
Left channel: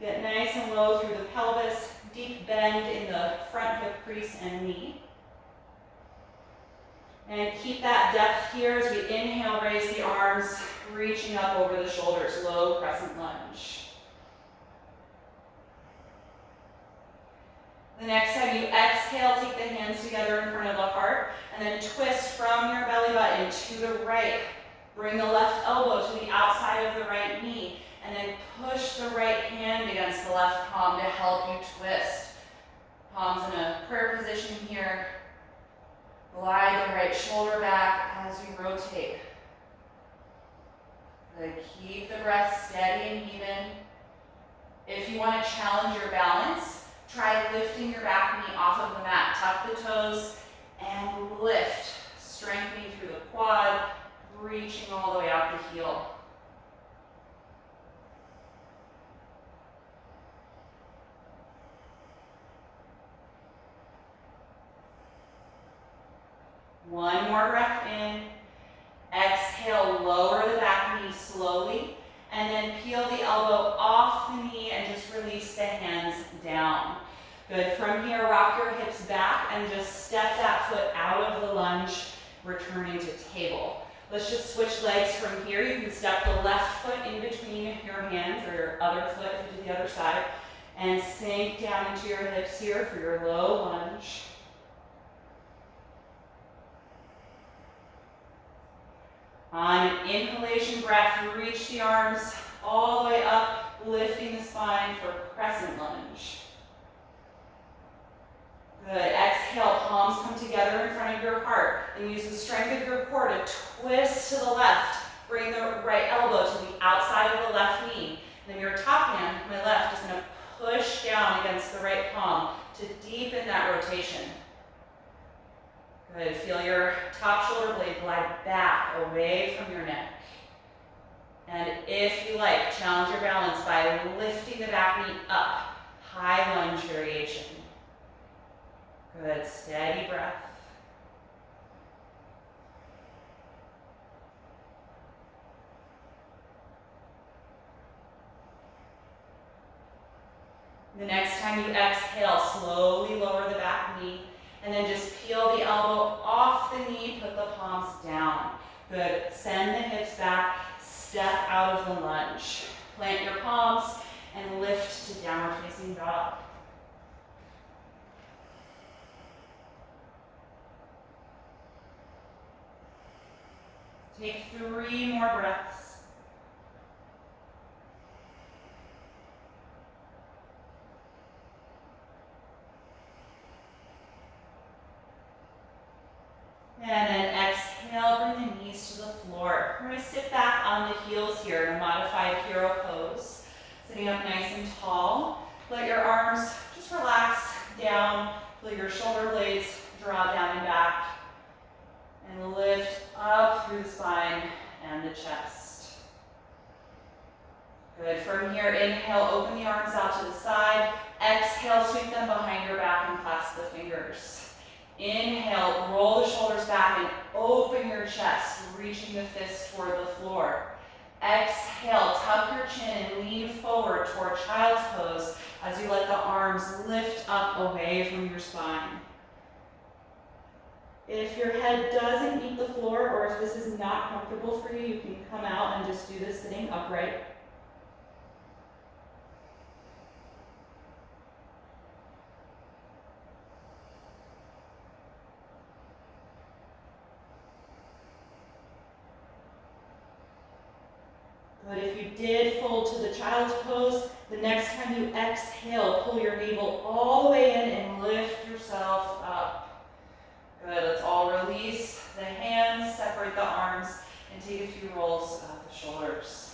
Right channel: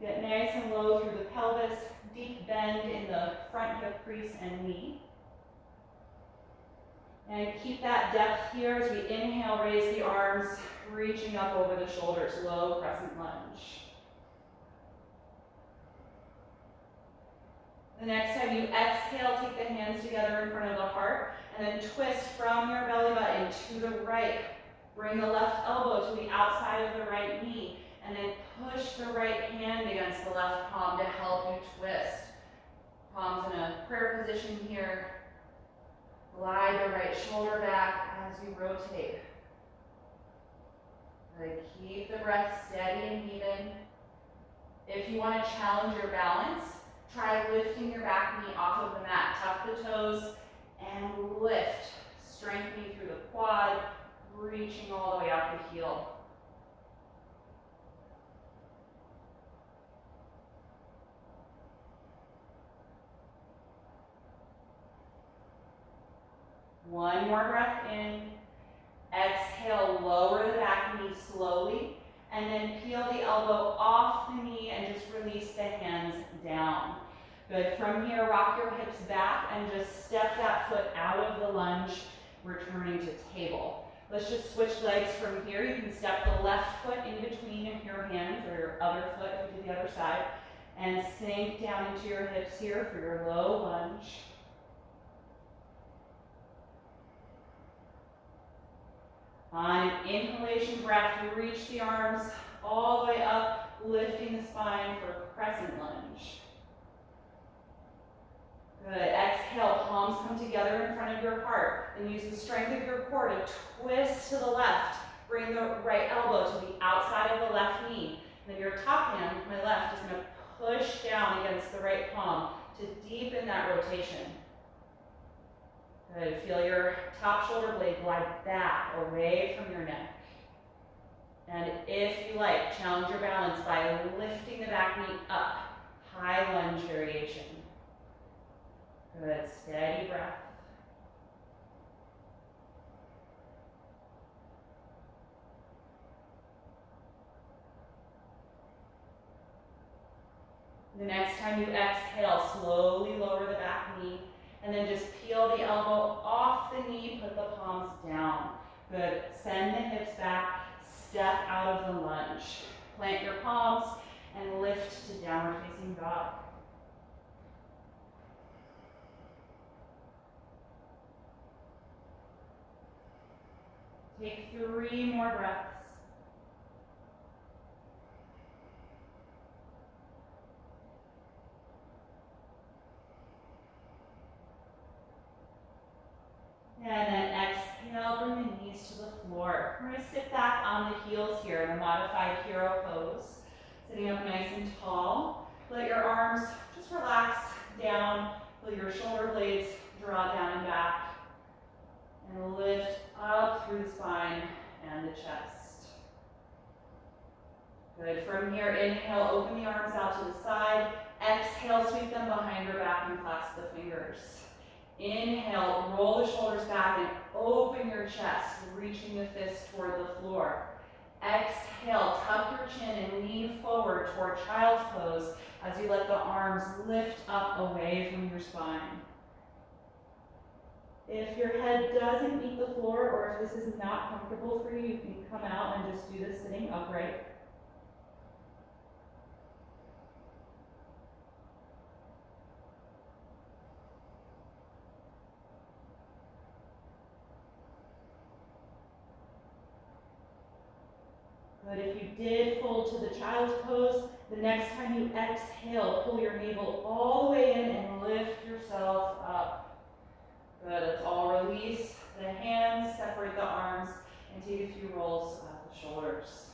Get nice and low through the pelvis, deep bend in the front hip crease and knee. And keep that depth here as we inhale, raise the arms, reaching up over the shoulders, low crescent lunge. The next time you exhale, take the hands together in front of the heart, and then twist from your belly button to the right. Bring the left elbow to the outside of the right knee, and then push the right hand against the left palm to help you twist. Palms in a prayer position here. Glide the right shoulder back as you rotate. Good. Keep the breath steady and even. If you want to challenge your balance, try lifting your back knee off of the mat. Tuck the toes and lift, strengthening through the quad, reaching all the way out the heel. One more breath in. Exhale, lower the back knee slowly, and then peel the elbow off the knee and just release the hands down. Good. From here, rock your hips back and just step that foot out of the lunge, returning to table. Let's just switch legs from here. You can step the left foot in between your hands, or your other foot if you do the other side, and sink down into your hips here for your low lunge. On an inhalation breath, reach the arms all the way up, lifting the spine for crescent lunge. Good. Exhale, palms come together in front of your heart, and use the strength of your core to twist to the left. Bring the right elbow to the outside of the left knee. Then your top hand, my left, is going to push down against the right palm to deepen that rotation. Good. Feel your top shoulder blade glide back away from your neck. And if you like, challenge your balance by lifting the back knee up. High lunge variation. Good. Steady breath. The next time you exhale, slowly lower the back knee. And then just peel the elbow off the knee, put the palms down. Good. Send the hips back, step out of the lunge. Plant your palms and lift to downward facing dog. Take 3 more breaths. heels here in a modified hero pose. Sitting up nice and tall. Let your arms just relax down. Feel your shoulder blades draw down and back. And lift up through the spine and the chest. Good. From here, inhale, open the arms out to the side. Exhale, sweep them behind your back and clasp the fingers. Inhale, roll the shoulders back and open your chest, reaching the fists toward the floor. Exhale, tuck your chin and lean forward toward child's pose as you let the arms lift up away from your spine. If your head doesn't meet the floor or if this is not comfortable for you, you can come out and just do this sitting upright. But if you did fold to the child's pose, the next time you exhale, pull your navel all the way in and lift yourself up. Good, let's all release the hands, separate the arms, and take a few rolls of the shoulders.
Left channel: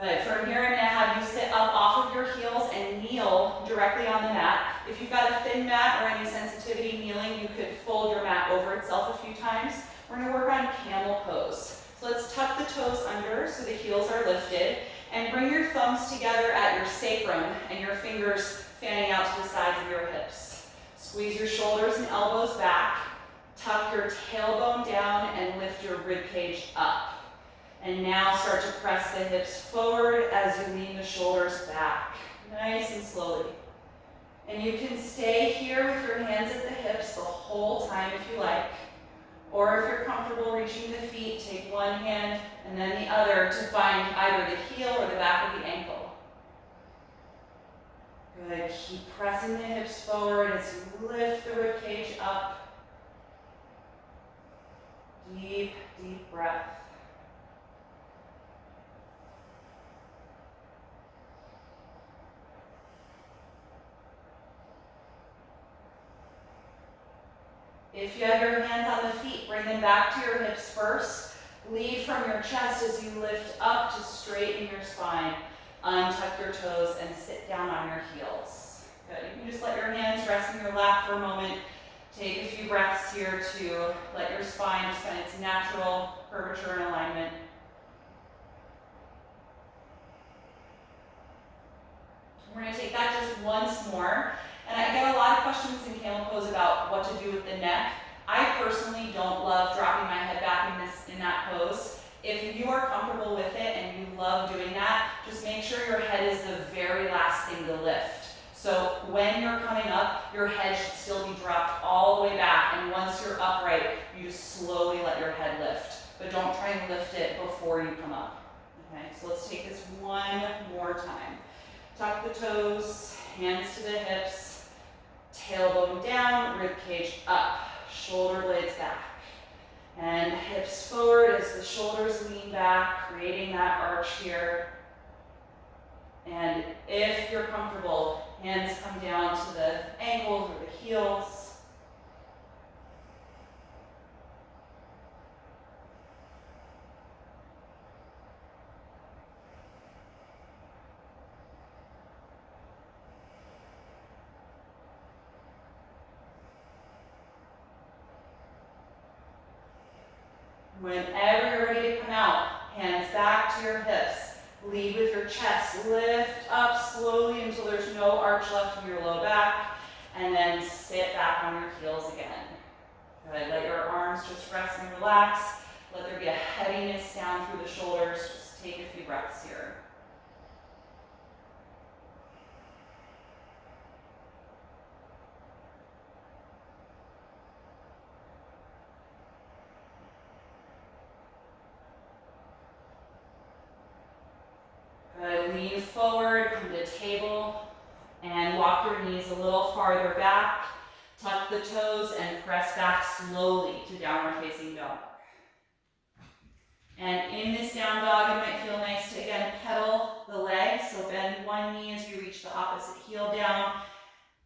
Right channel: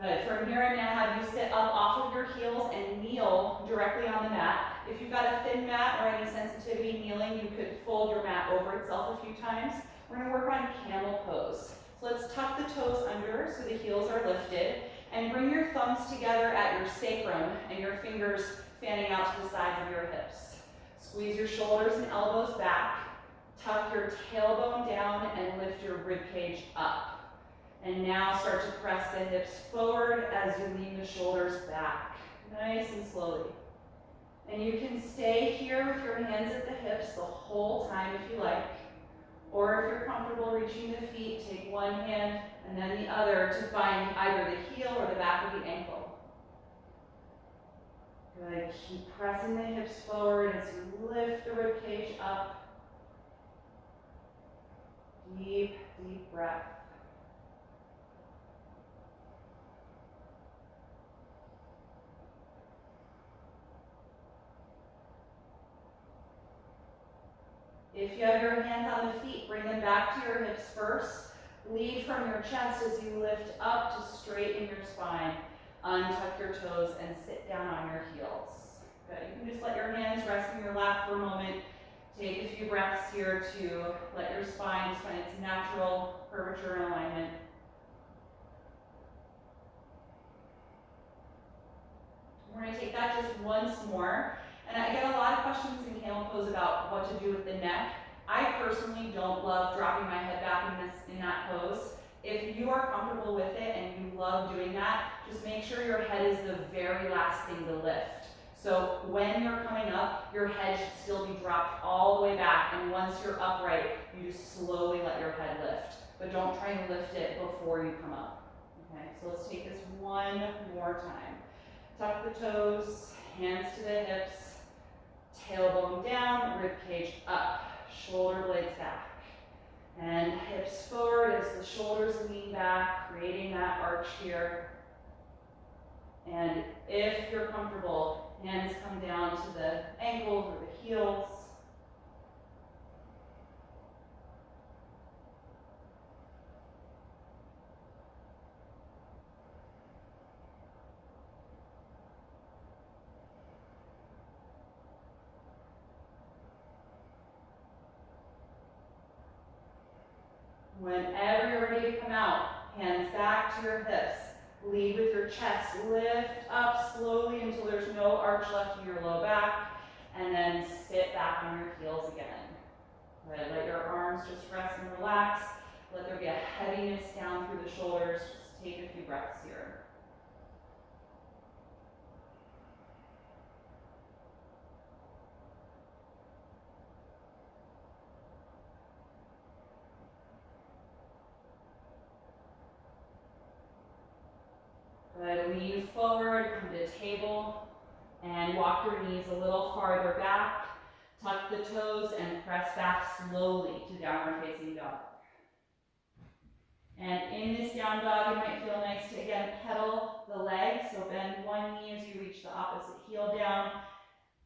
Good, from here I'm gonna have you sit up off of your heels and kneel directly on the mat. If you've got a thin mat or any sensitivity kneeling, you could fold your mat over itself a few times. We're gonna work on camel pose. So let's tuck the toes under so the heels are lifted and bring your thumbs together at your sacrum and your fingers fanning out to the sides of your hips. Squeeze your shoulders and elbows back, tuck your tailbone down and lift your rib cage up. And now start to press the hips forward as you lean the shoulders back, nice and slowly. And you can stay here with your hands at the hips the whole time if you like. Or if you're comfortable reaching the feet, take one hand and then the other to find either the heel or the back of the ankle. Good, keep pressing the hips forward as you lift the rib cage up. Deep, deep breath. If you have your hands on the feet, bring them back to your hips first. Lead from your chest as you lift up to straighten your spine. Untuck your toes and sit down on your heels. Good. You can just let your hands rest in your lap for a moment. Take a few breaths here to let your spine just find its natural curvature and alignment. We're going to take that just once more. And I get a lot of questions in camel pose about what to do with the neck. I personally don't love dropping my head back in that pose. If you are comfortable with it and you love doing that, just make sure your head is the very last thing to lift. So when you're coming up, your head should still be dropped all the way back. And once you're upright, you just slowly let your head lift. But don't try and lift it before you come up. Okay, so let's take this one more time. Tuck the toes, hands to the hips. Tailbone down, rib cage up, shoulder blades back. And hips forward as the shoulders lean back, creating that arch here. And if you're comfortable, hands come down to the ankles or the heels. Whenever you're ready to come out, hands back to your hips. Lead with your chest. Lift up slowly until there's no arch left in your low back. And then sit back on your heels again. Good. Let your arms just rest and relax. Let there be a heaviness down through the shoulders. Just take a few breaths here. Good, lean forward, come to table, and walk your knees a little farther back. Tuck the toes and press back slowly to downward facing dog. And in this down dog, it might feel nice to again pedal the legs. So bend one knee as you reach the opposite heel down.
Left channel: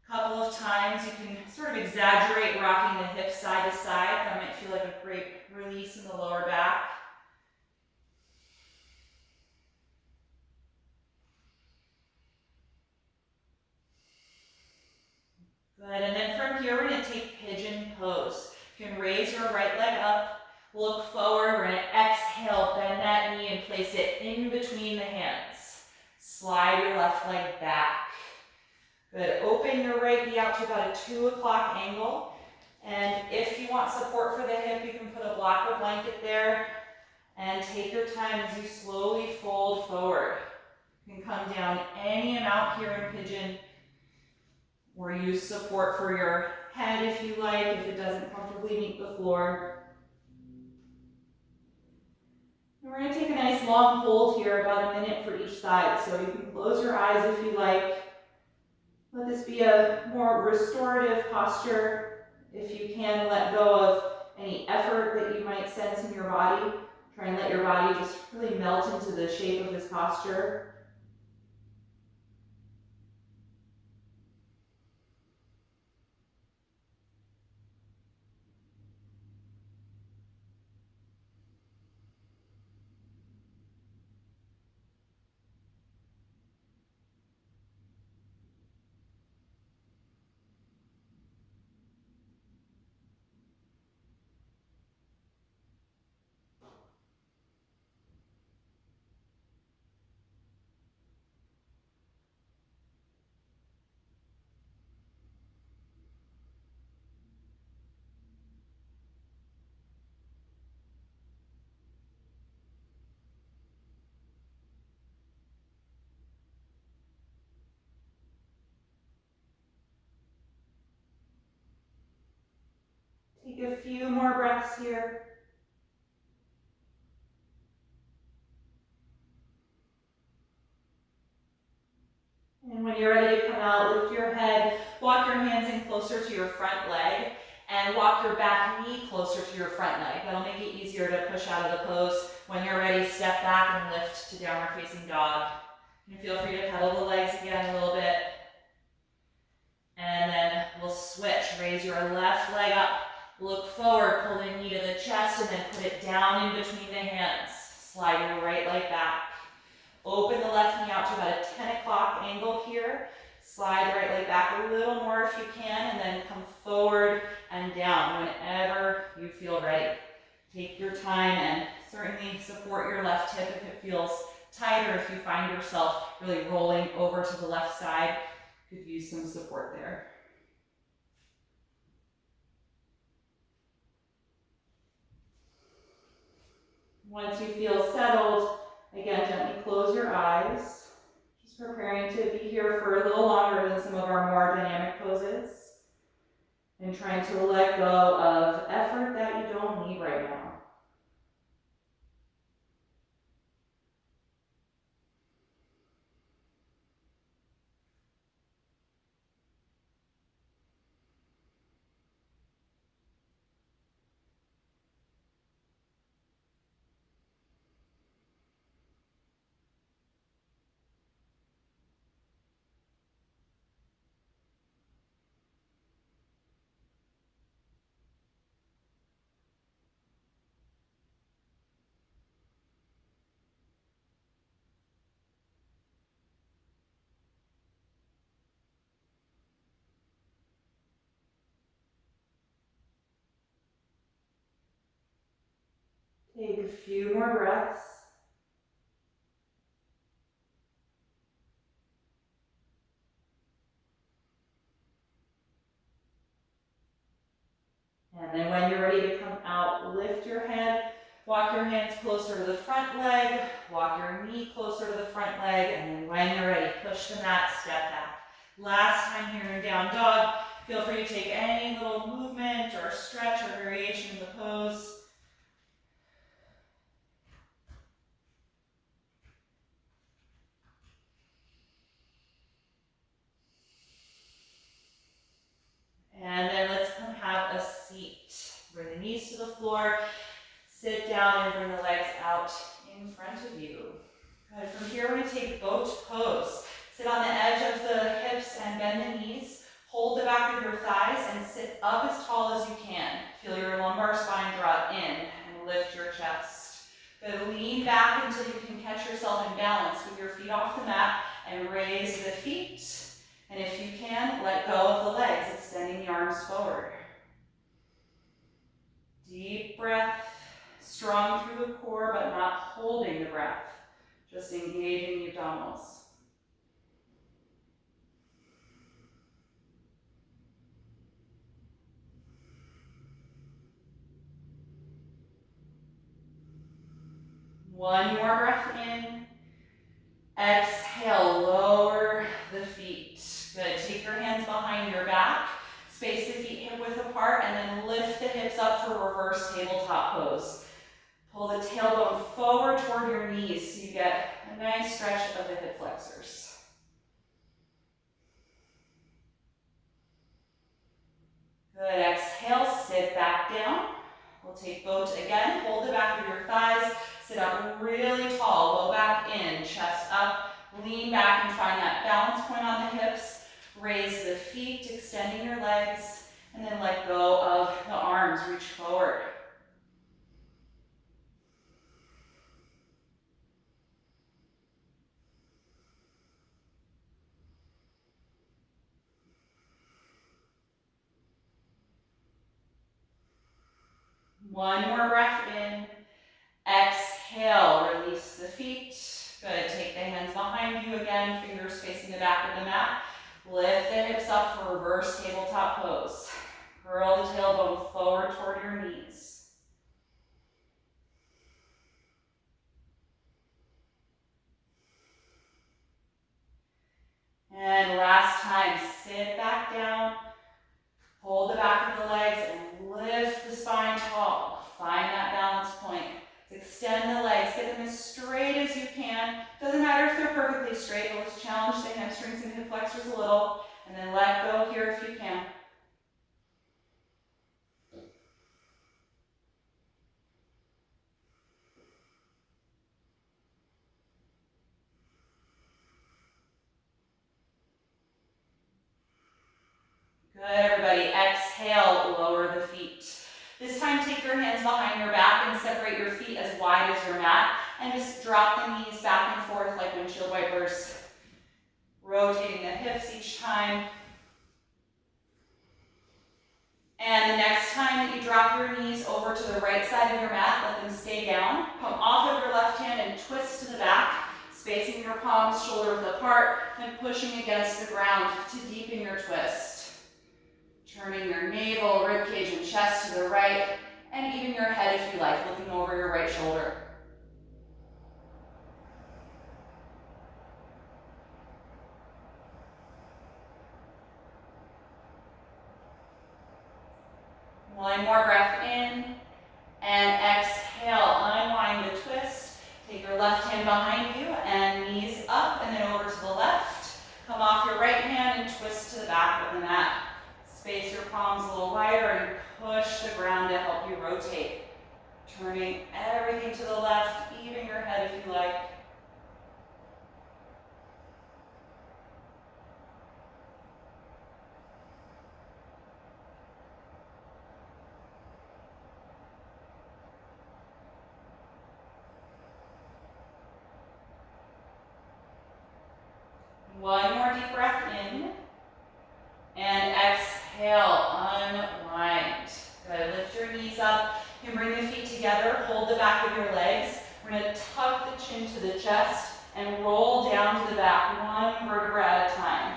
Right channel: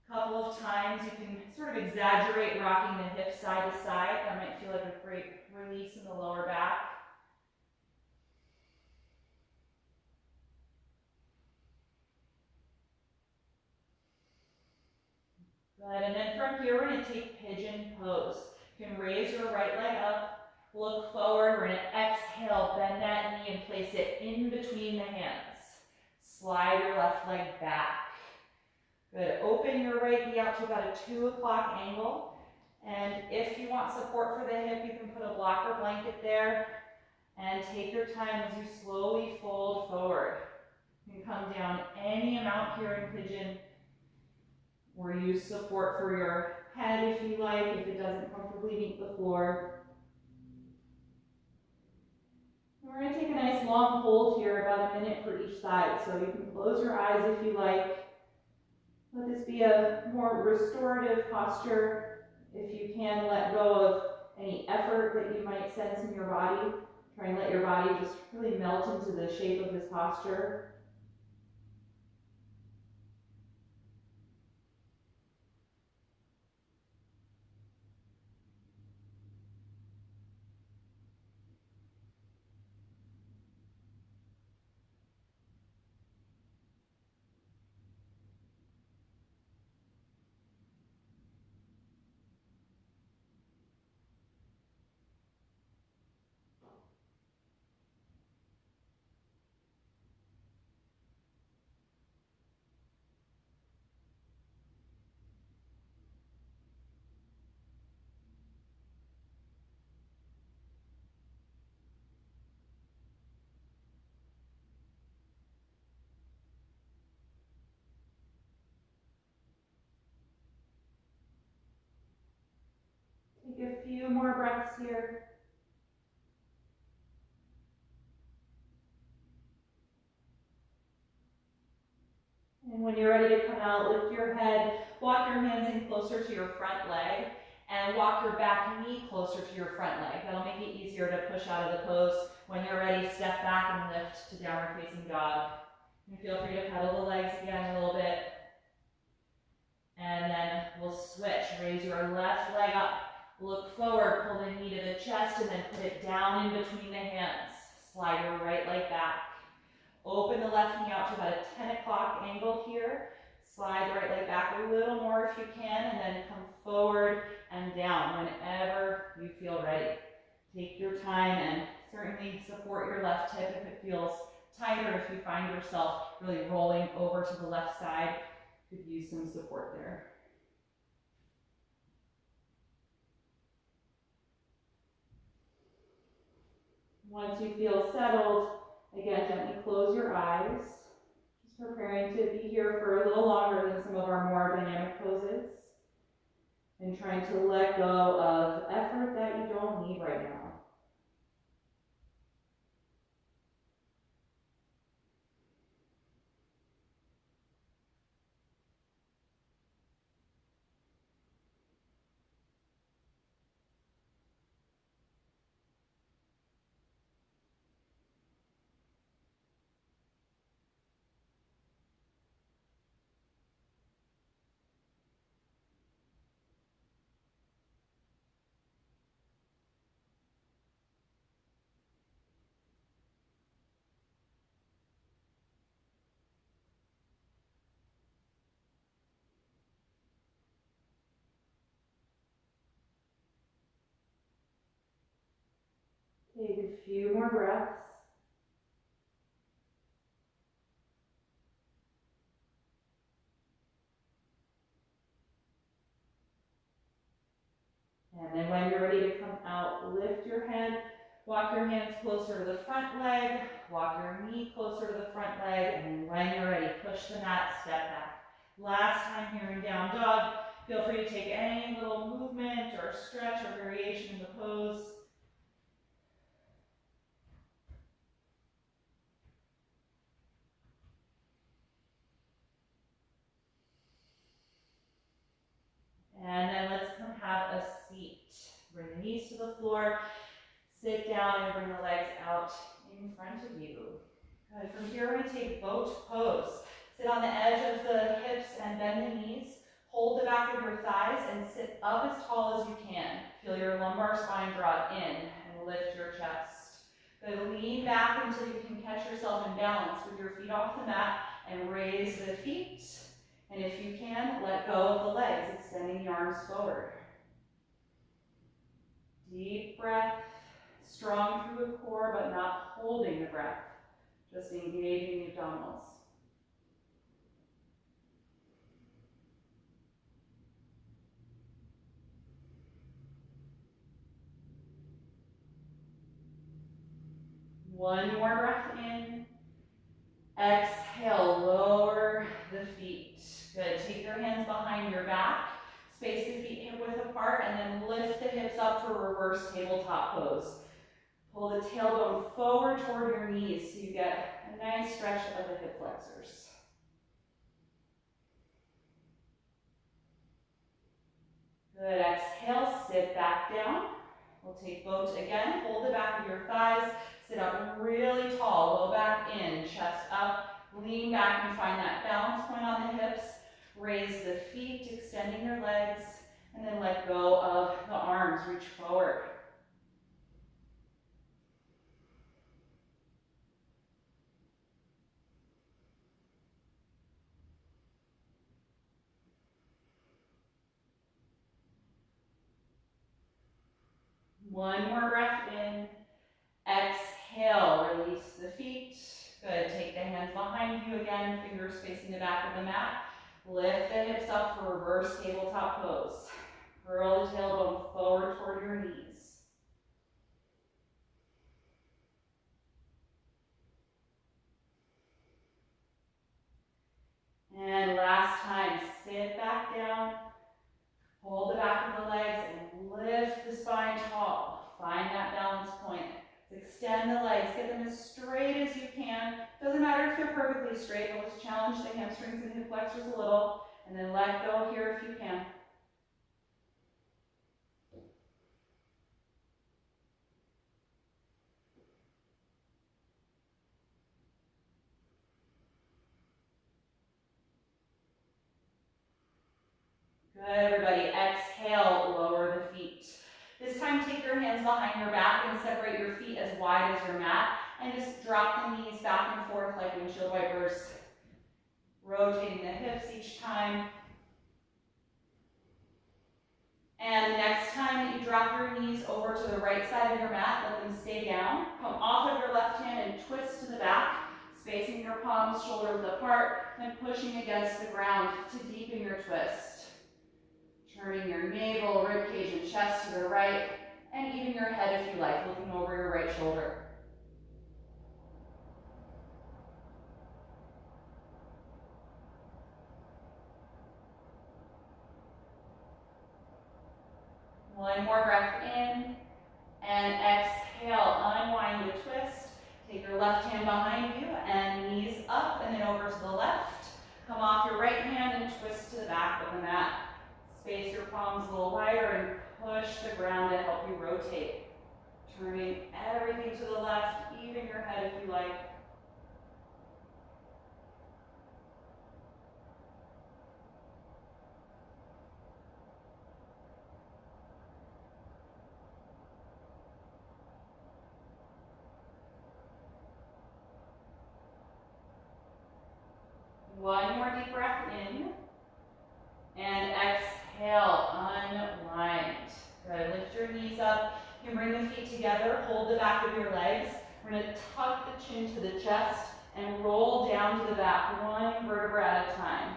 A couple of times you can sort of exaggerate rocking the hips side to side. That might feel like a great release in the lower back. Good, and then from here, we're gonna take pigeon pose. You can raise your right leg up, look forward. We're gonna exhale, bend that knee and place it in between the hands. Slide your left leg back. Good, open your right knee out to about a 2 o'clock angle. And if you want support for the hip, you can put a blocker blanket there and take your time as you slowly fold forward. You can come down any amount here in pigeon, or use support for your head if you like, if it doesn't comfortably meet the floor. And we're going to take a nice long hold here, about a minute for each side. So you can close your eyes if you like. Let this be a more restorative posture. If you can, let go of any effort that you might sense in your body. Try and let your body just really melt into the shape of this posture. Take a few more breaths here. And when you're ready to come out, lift your head, walk your hands in closer to your front leg, and walk your back knee closer to your front leg. That'll make it easier to push out of the pose. When you're ready, step back and lift to downward facing dog. And feel free to pedal the legs again a little bit. And then we'll switch. Raise your left leg up, look forward, pull the knee to the chest, and then put it down in between the hands. Slide your right leg back. Open the left knee out to about a 10 o'clock angle here. Slide the right leg back a little more if you can, and then come forward and down whenever you feel ready. Take your time and certainly support your left hip if it feels tight, or if you find yourself really rolling over to the left side, could use some support there. Once you feel settled, again, gently close your eyes. Just preparing to be here for a little longer than some of our more dynamic poses. And trying to let go of effort that you don't need right now. Take a few more breaths. And then when you're ready to come out, lift your head, walk your hands closer to the front leg, walk your knee closer to the front leg, and then when you're ready, push the mat, step back. Last time here in down dog, feel free to take any little movement or stretch or variation in the pose. And then let's come have a seat. Bring the knees to the floor, sit down and bring the legs out in front of you. Good. From here, we're going to take boat pose. Sit on the edge of the hips and bend the knees. Hold the back of your thighs and sit up as tall as you can. Feel your lumbar spine drop in and lift your chest. Good. Lean back until you can catch yourself in balance with your feet off the mat and raise the feet. And if you can, let go of the legs, extending the arms forward. Deep breath, strong through the core, but not holding the breath, just engaging the abdominals. One more breath in. Exhale, lower the feet. Good, take your hands behind your back. Space the feet hip width apart and then lift the hips up for reverse tabletop pose. Pull the tailbone forward toward your knees so you get a nice stretch of the hip flexors. Good, exhale, sit back down. We'll take boat again, hold the back of your thighs, sit up really tall, low back in, chest up, lean back and find that balance point on the hips. Raise the feet, extending your legs, and then let go of the arms, reach forward. One more breath in. Exhale, release the feet. Good, take the hands behind you again, fingers facing the back of the mat. Lift the hips up for reverse tabletop pose. Curl the tailbone forward toward your knees. And last time, sit back down, hold the back of the legs and lift the spine tall. Find that balance point. Extend the legs, get them as straight as you can. Doesn't matter if they're perfectly straight, but let's challenge the hamstrings and hip flexors a little. And then let go here if you can. Good, everybody. Exhale, lower the feet. This time, take your hands behind your back and separate your feet as wide as your mat. And just drop the knees back and forth like windshield wipers. Rotating the hips each time. And the next time that you drop your knees over to the right side of your mat, let them stay down. Come off of your left hand and twist to the back, spacing your palms shoulder width apart and pushing against the ground to deepen your twist. Turning your navel, ribcage, and chest to the right, and even your head if you like, looking over your right shoulder. One more breath in, and exhale, unwind the twist. Take your left hand behind you, and knees up, and then over to the left. Come off your right hand and twist to the back of the mat. Space your palms a little wider and push the ground to help you rotate. Turning everything to the left, even your head if you like. One more deep breath in. And exhale, unwind. Good, lift your knees up. You can bring the feet together, hold the back of your legs. We're gonna tuck the chin to the chest and roll down to the back, one vertebra at a time.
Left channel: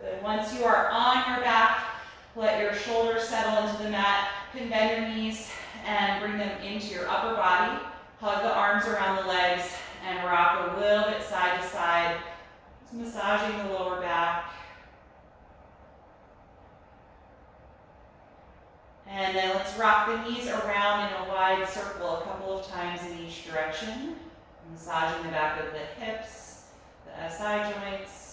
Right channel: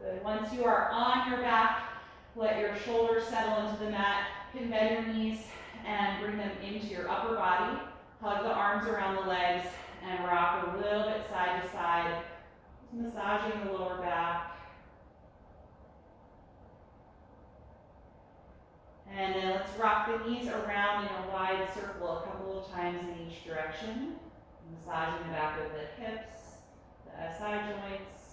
Good, once you are on your back, let your shoulders settle into the mat. You can bend your knees and bring them into your upper body. Hug the arms around the legs and rock a little bit side to side. Massaging the lower back. And then let's rock the knees around in a wide circle a couple of times in each direction. Massaging the back of the hips, the SI joints.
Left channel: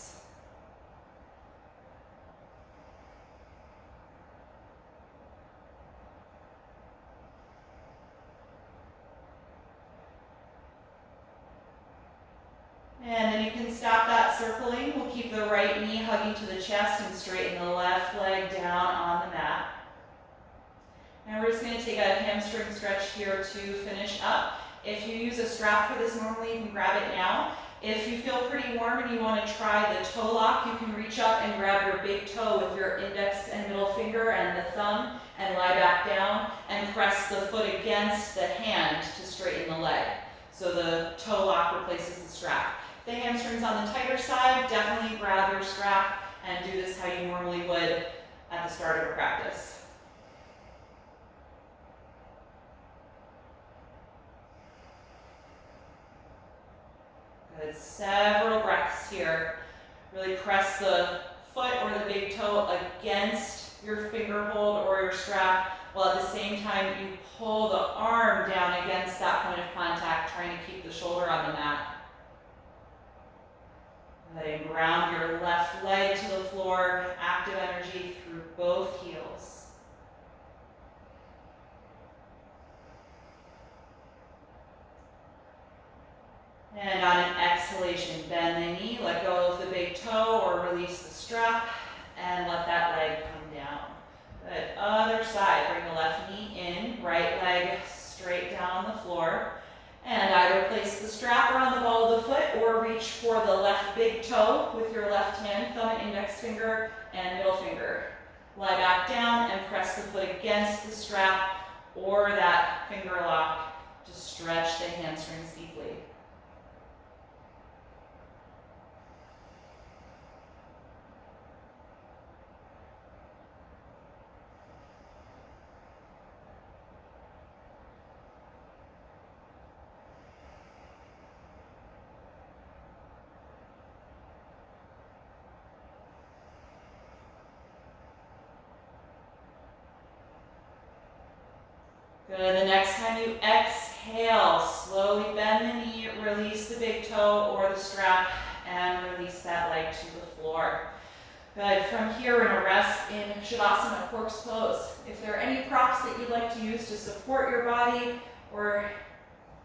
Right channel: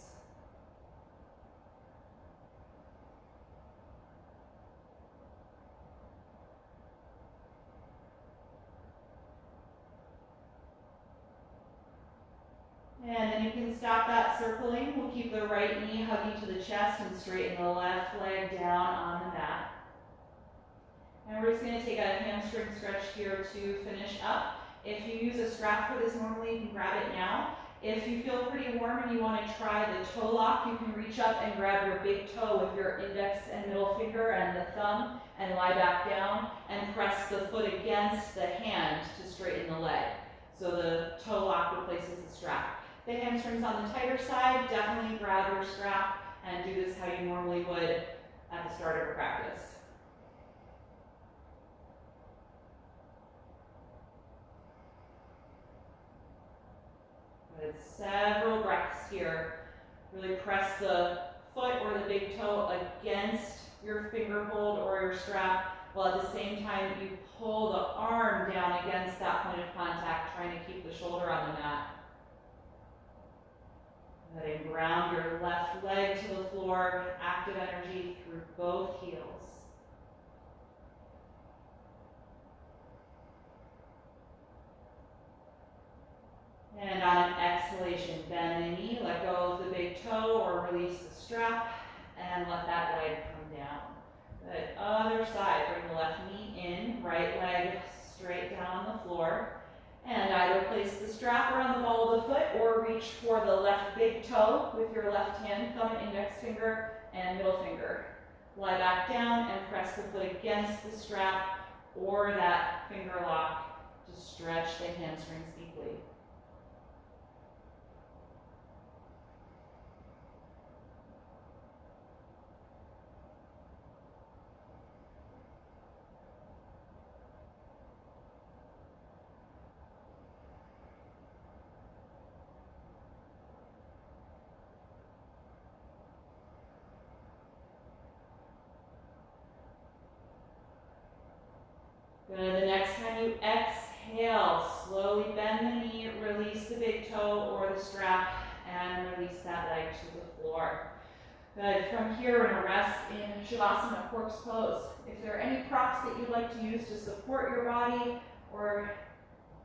And then you can stop that circling. We'll keep the right knee hugging to the chest and straighten the left leg down on the mat. And we're just going to take a hamstring stretch here to finish up. If you use a strap for this normally, you can grab it now. If you feel pretty warm and you want to try the toe lock, you can reach up and grab your big toe with your index and middle finger and the thumb and lie back down and press the foot against the hand to straighten the leg. So the toe lock replaces the strap. If the hamstring's on the tighter side, definitely grab your strap and do this how you normally would at the start of a practice. Good, several breaths here. Really press the foot or the big toe against your finger hold or your strap, while at the same time you pull the arm down against that point of contact, trying to keep the shoulder on the mat. Letting ground your left leg to the floor, active energy through both heels. And on an exhalation, bend the knee, let go of the big toe or release the strap, and let that leg come down. Good, other side, bring the left knee in, right leg straight down the floor, and either place the strap around the ball of the foot or reach for the left big toe with your left hand, thumb and index finger, and middle finger. Lie back down and press the foot against the strap or that finger lock to stretch the hamstrings deeply. Good, the next time you exhale, slowly bend the knee, release the big toe or the strap, and release that leg to the floor. Good, from here we're gonna rest in Shavasana, corpse pose. If there are any props that you'd like to use to support your body or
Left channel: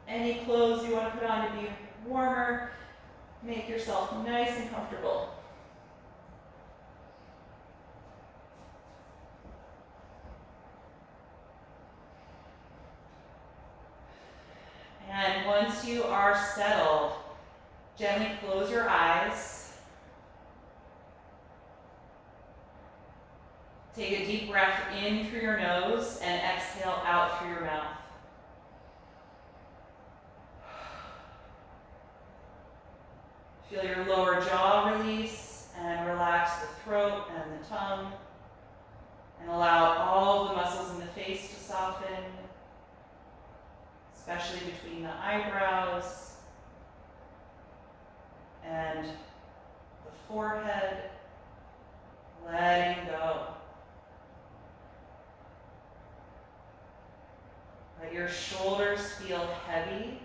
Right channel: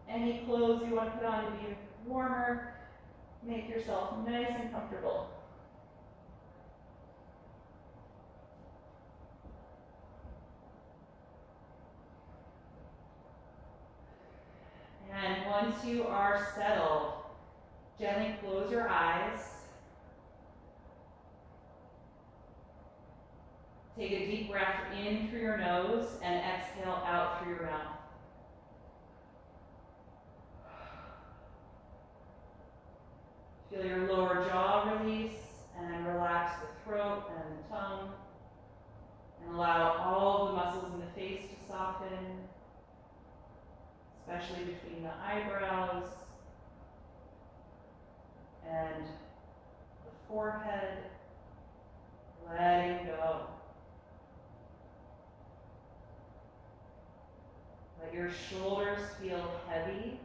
any clothes you want to put on to be warmer, make yourself nice and comfortable. And once you are settled, gently close your eyes. Take a deep breath in through your nose and exhale out through your mouth. Feel your lower jaw release and relax the throat and the tongue. And allow all the muscles in the face to soften, especially between the eyebrows and the forehead, letting go. Let your shoulders feel heavy.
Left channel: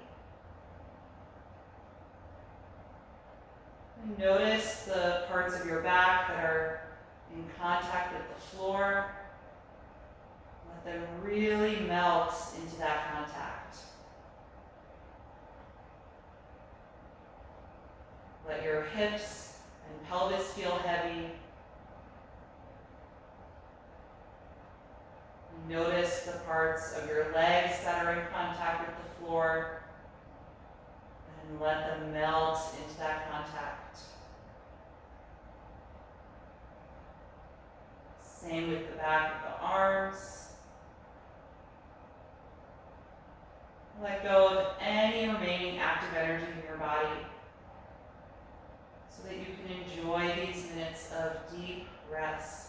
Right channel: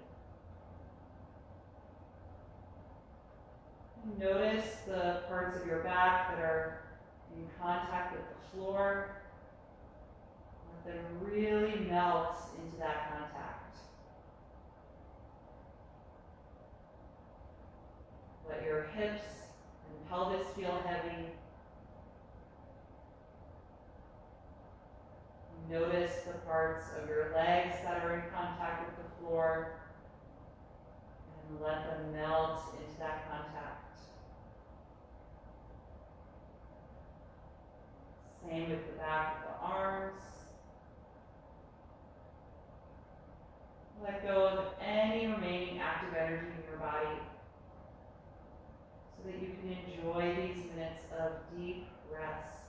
And notice the parts of your back that are in contact with the floor. Let them really melt into that contact. Let your hips and pelvis feel heavy. Notice the parts of your legs that are in contact with the floor, and let them melt into that contact. Same with the back of the arms. Let go of any remaining active energy in your body so that you can enjoy these minutes of deep rest.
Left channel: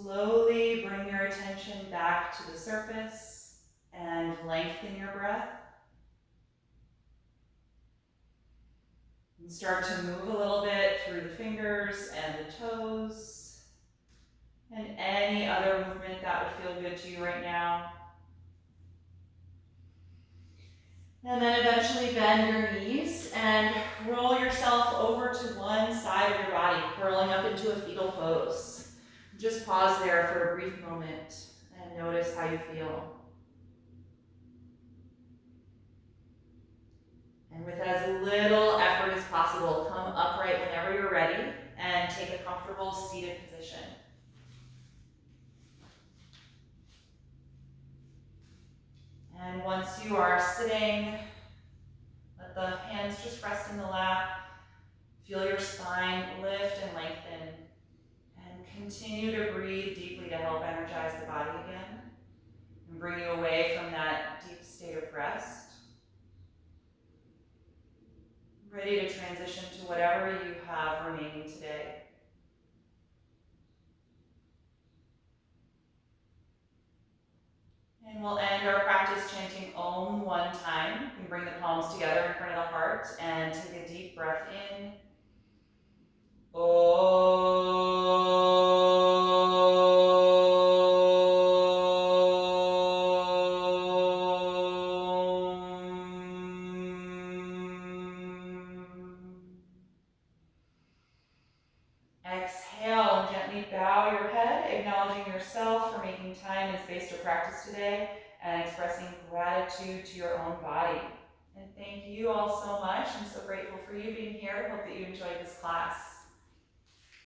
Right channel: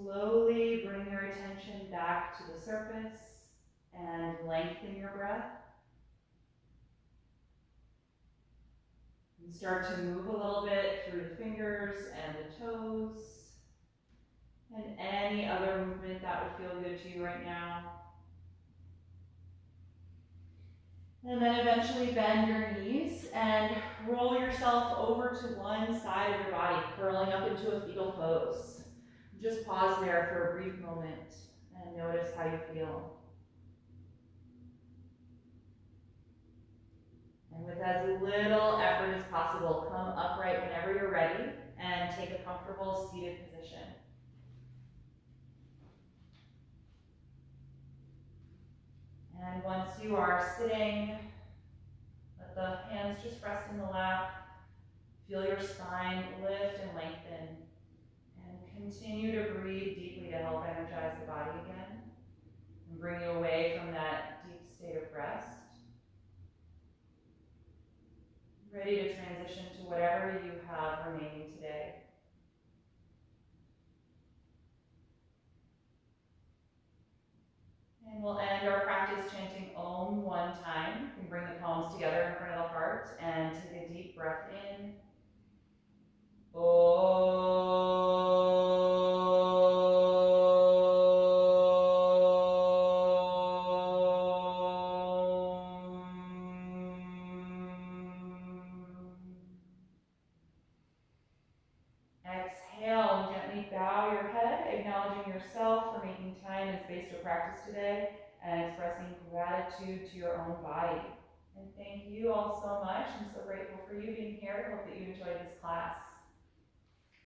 Slowly bring your attention back to the surface and lengthen your breath. And start to move a little bit through the fingers and the toes and any other movement that would feel good to you right now. And then eventually bend your knees and roll yourself over to one side of your body, curling up into a fetal pose. Just pause there for a brief moment and notice how you feel. And with as little effort as possible, come upright whenever you're ready and take a comfortable seated position. And once you are sitting, let the hands just rest in the lap. Feel your spine lift and lengthen. And continue to breathe deeply to help energize the body again and bring you away from that deep state of rest. Ready to transition to whatever you have remaining today. And we'll end our practice chanting Om one time. You can bring the palms together in front of the heart and take a deep breath in. Exhale and gently bow your head, acknowledging yourself for making time and space to practice today and expressing gratitude to your own body. And thank you all so much. I'm so grateful for you being here. I hope that you enjoyed this class.